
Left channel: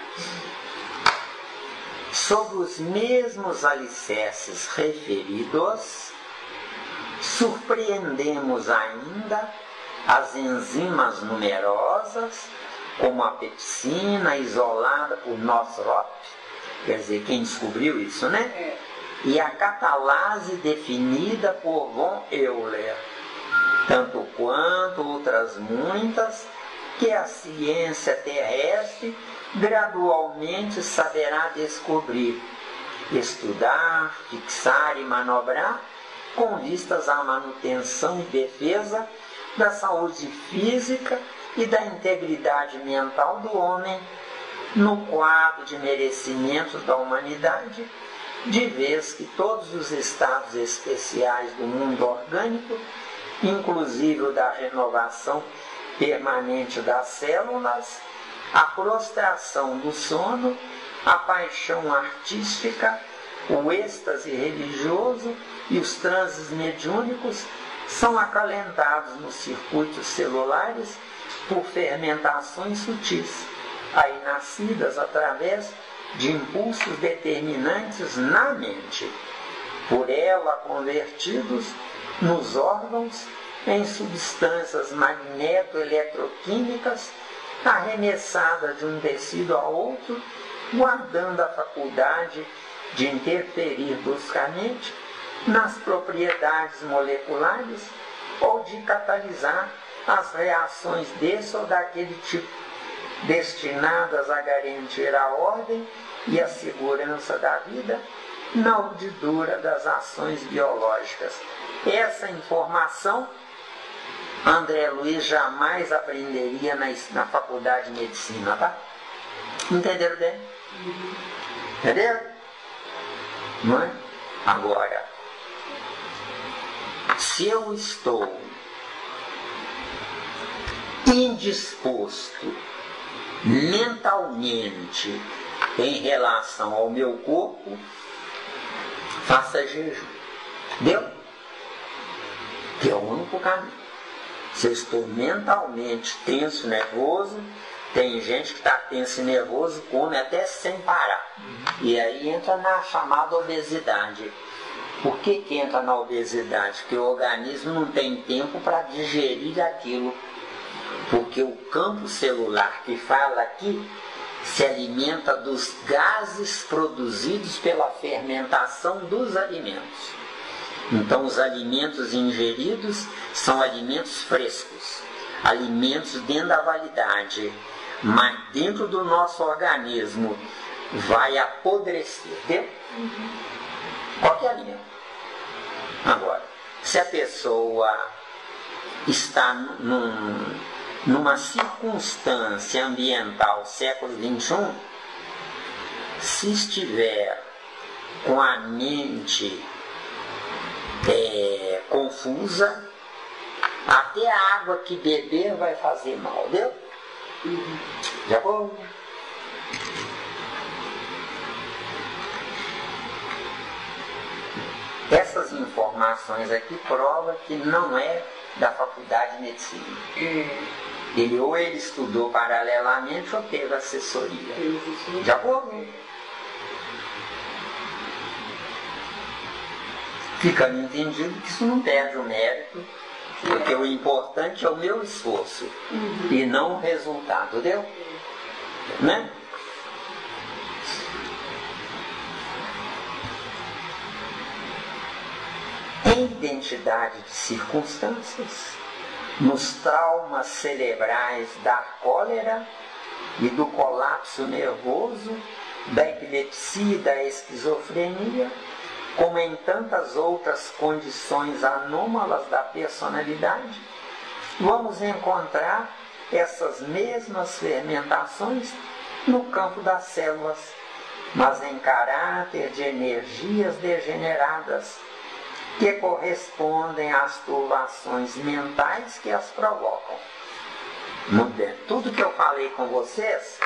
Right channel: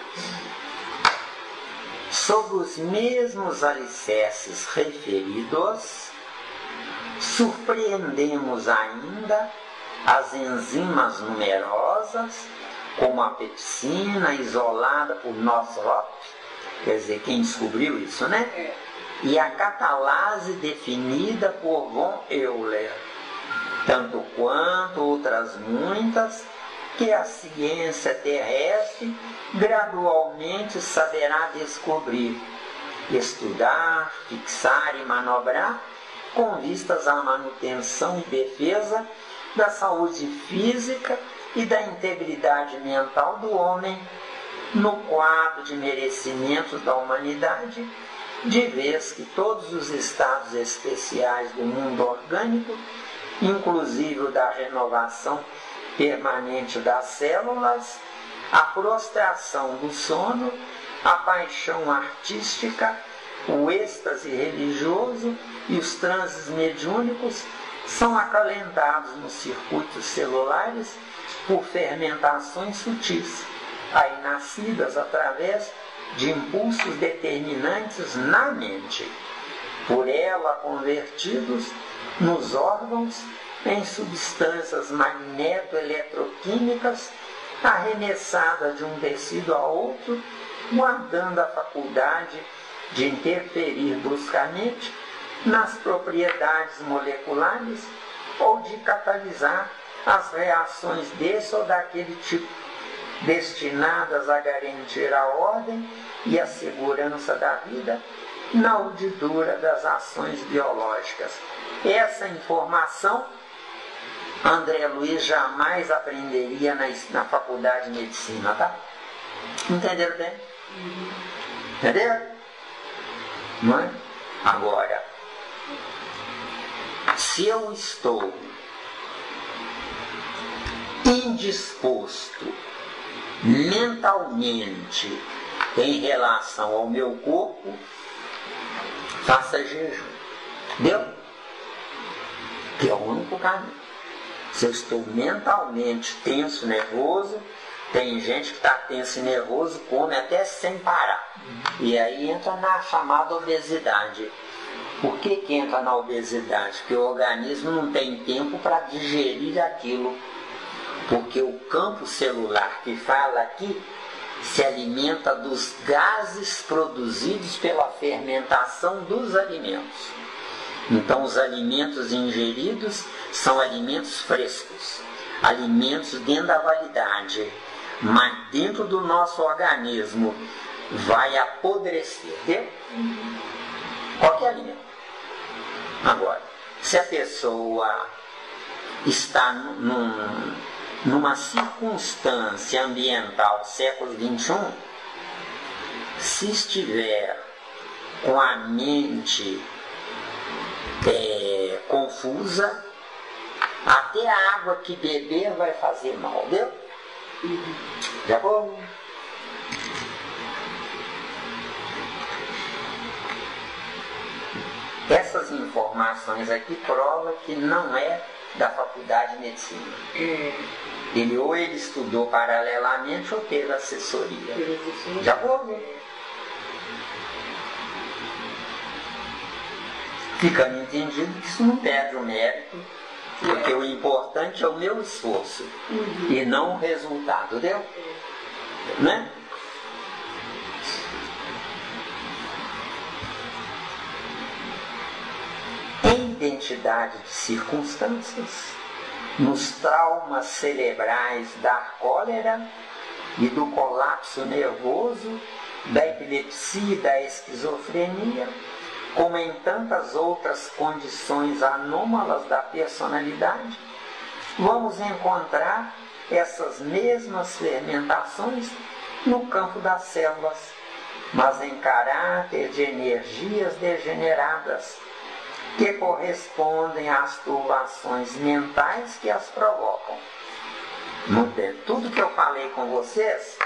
Sobre os mesmos alicerces referidos, surpreendemos ainda as enzimas numerosas, como a pepsina isolada por Nosrop, quer dizer, quem descobriu isso, né? E a catalase definida por von Euler, tanto quanto outras muitas, que a ciência terrestre gradualmente saberá descobrir, estudar, fixar e manobrar, com vistas à manutenção e defesa da saúde física e da integridade mental do homem, no quadro de merecimentos da humanidade, de vez que todos os estados especiais do mundo orgânico, inclusive o da renovação permanente das células, a prostração do sono, a paixão artística, o êxtase religioso e os transes mediúnicos são acalentados nos circuitos celulares por fermentações sutis, aí nascidas através de impulsos determinantes na mente, por ela convertidos nos órgãos em substâncias magneto-eletroquímicas arremessadas de um tecido a outro, guardando a faculdade de interferir bruscamente nas propriedades moleculares ou de catalisar as reações desse ou daquele tipo, destinadas a garantir a ordem e a segurança da vida na urdidura das ações biológicas. Essa informação André Luiz jamais aprenderia na faculdade de medicina, tá? Entenderam bem? Entenderam? Não é? Agora, se eu estou indisposto mentalmente em relação ao meu corpo, faça jejum. Entendeu? Que é o único caminho. Se eu estou mentalmente tenso, nervoso, tem gente que está tenso e nervoso, come até sem parar. E aí entra na chamada obesidade. Por que entra na obesidade? Porque o organismo não tem tempo para digerir aquilo. Porque o campo celular que fala aqui se alimenta dos gases produzidos pela fermentação dos alimentos. Então os alimentos ingeridos são alimentos frescos, alimentos dentro da validade, mas dentro do nosso organismo vai apodrecer, entendeu? Qualquer alimento. Agora, se a pessoa está numa circunstância ambiental século XXI, se estiver com a mente confusa, até a água que beber vai fazer mal, viu? De acordo? Essas informações aqui provam que não é da faculdade de medicina. Ele estudou paralelamente ou teve assessoria. De acordo? Ficando entendido que isso não perde o mérito, porque o importante é o meu esforço e não o resultado, entendeu? Né? Em identidade de circunstâncias, nos traumas cerebrais da cólera e do colapso nervoso, da epilepsia e da esquizofrenia, como em tantas outras condições anômalas da personalidade, vamos encontrar essas mesmas fermentações no campo das células, mas em caráter de energias degeneradas, que correspondem às turbações mentais que as provocam. Tudo que eu falei com vocês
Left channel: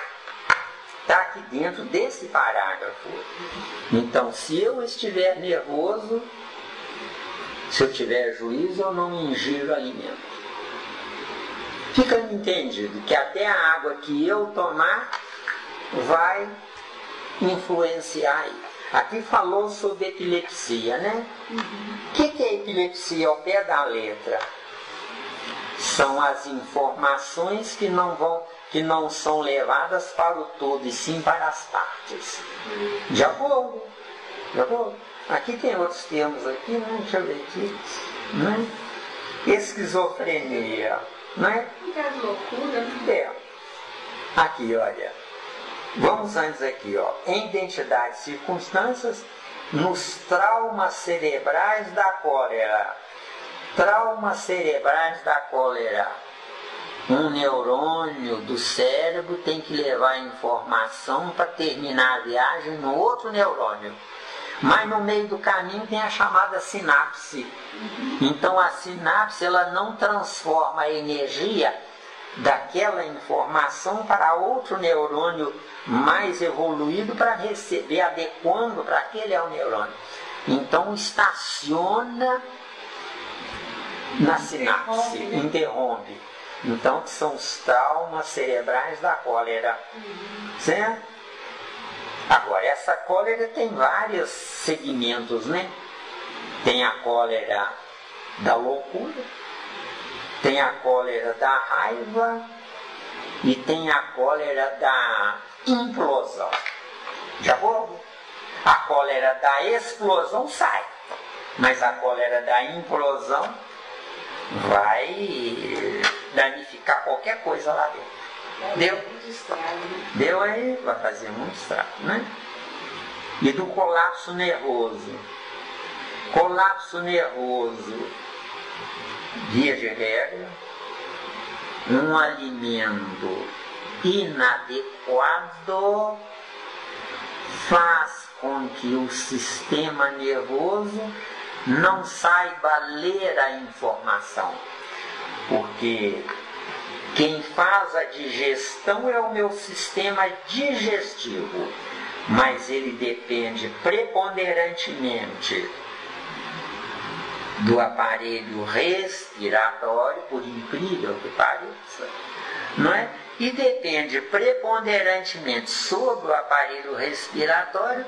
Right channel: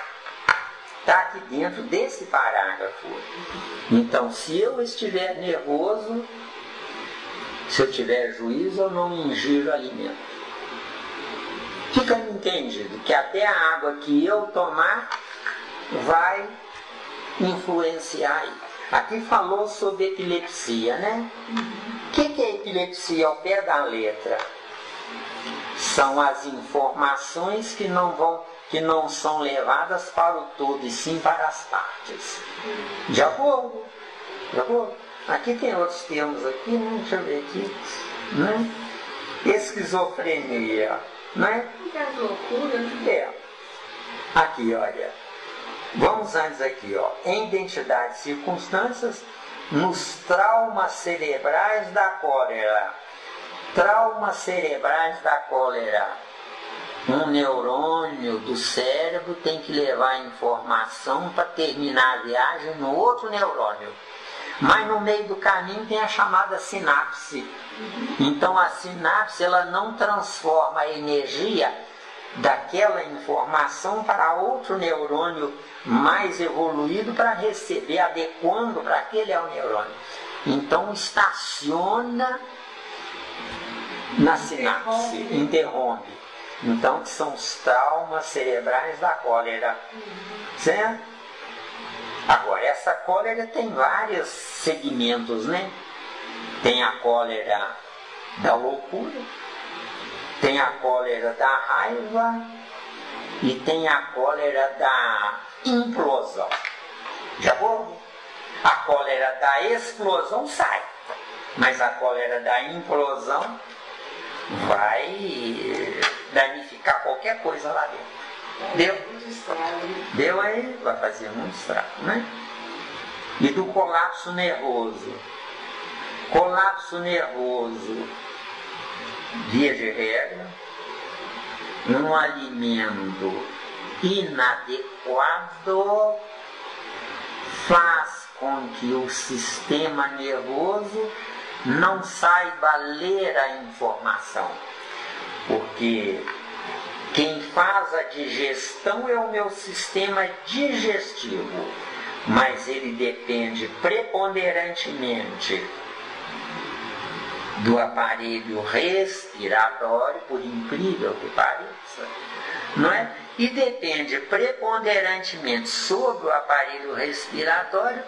está aqui dentro desse parágrafo. Então, se eu estiver nervoso, se eu tiver juízo, eu não ingiro alimento. Fica entendido que até a água que eu tomar vai influenciar. Aqui falou sobre epilepsia, né? O que é epilepsia ao pé da letra? São as informações que não são levadas para o todo, e sim para as partes. De acordo? De acordo? Aqui tem outros termos aqui, né? Deixa eu ver aqui. Né? Esquizofrenia. Né? Loucura, né? É. Aqui, olha. Vamos antes aqui, ó. Em identidade e circunstâncias, nos traumas cerebrais da cólera. Traumas cerebrais da cólera. Um neurônio do cérebro tem que levar a informação para terminar a viagem no outro neurônio. Mas no meio do caminho tem a chamada sinapse. Então a sinapse ela não transforma a energia daquela informação para outro neurônio mais evoluído para receber, adequando para aquele neurônio. Então estaciona na sinapse, interrompe. Então que são os traumas cerebrais da cólera. Certo? Agora, essa cólera tem vários segmentos, né? Tem a cólera da loucura, Tem a cólera da raiva e tem a cólera da implosão. Já vou? A cólera da explosão sai, mas a cólera da implosão vai danificar qualquer coisa lá dentro. Deu? Deu aí? Vai fazer muito estrago, né? E do colapso nervoso. Colapso nervoso, via de regra, um alimento inadequado faz com que o sistema nervoso não saiba ler a informação. Porque quem faz a digestão é o meu sistema digestivo, mas ele depende preponderantemente do aparelho respiratório, por incrível que pareça, não é? E depende preponderantemente sobre o aparelho respiratório,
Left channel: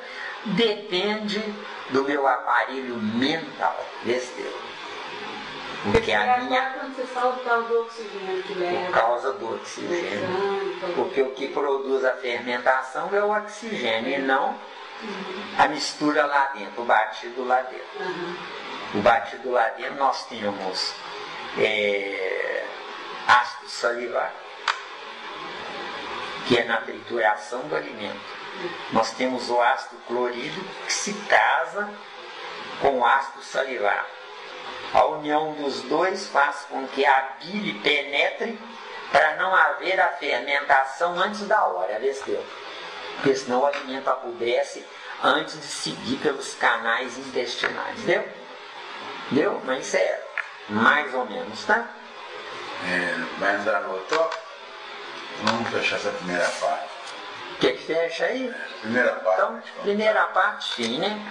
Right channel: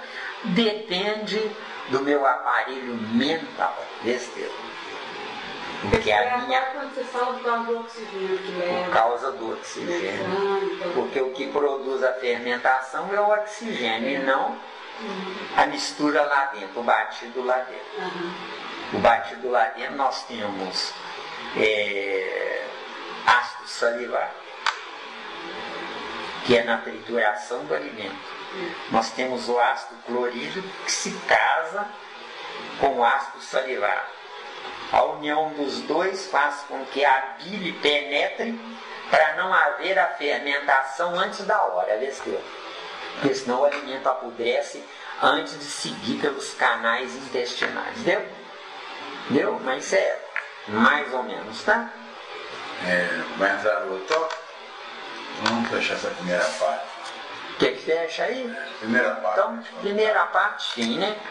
depende do meu aparelho mental, porque a minha... Quando você fala por causa do oxigênio que leva. Por causa do oxigênio. Porque o que produz a fermentação é o oxigênio e não a mistura lá dentro, o batido lá dentro. O batido lá dentro nós temos ácido salivar, que é na trituração do alimento. Nós temos o ácido clorídrico que se casa com o ácido salivar. A união dos dois faz com que a bile penetre para não haver a fermentação antes da hora, porque senão o alimento apodrece antes de seguir pelos canais intestinais. Deu? Mas é mais ou menos, tá? Mas anotou? Vamos fechar essa primeira parte. O que fecha aí? Primeira parte. Então, primeira parte, sim, né?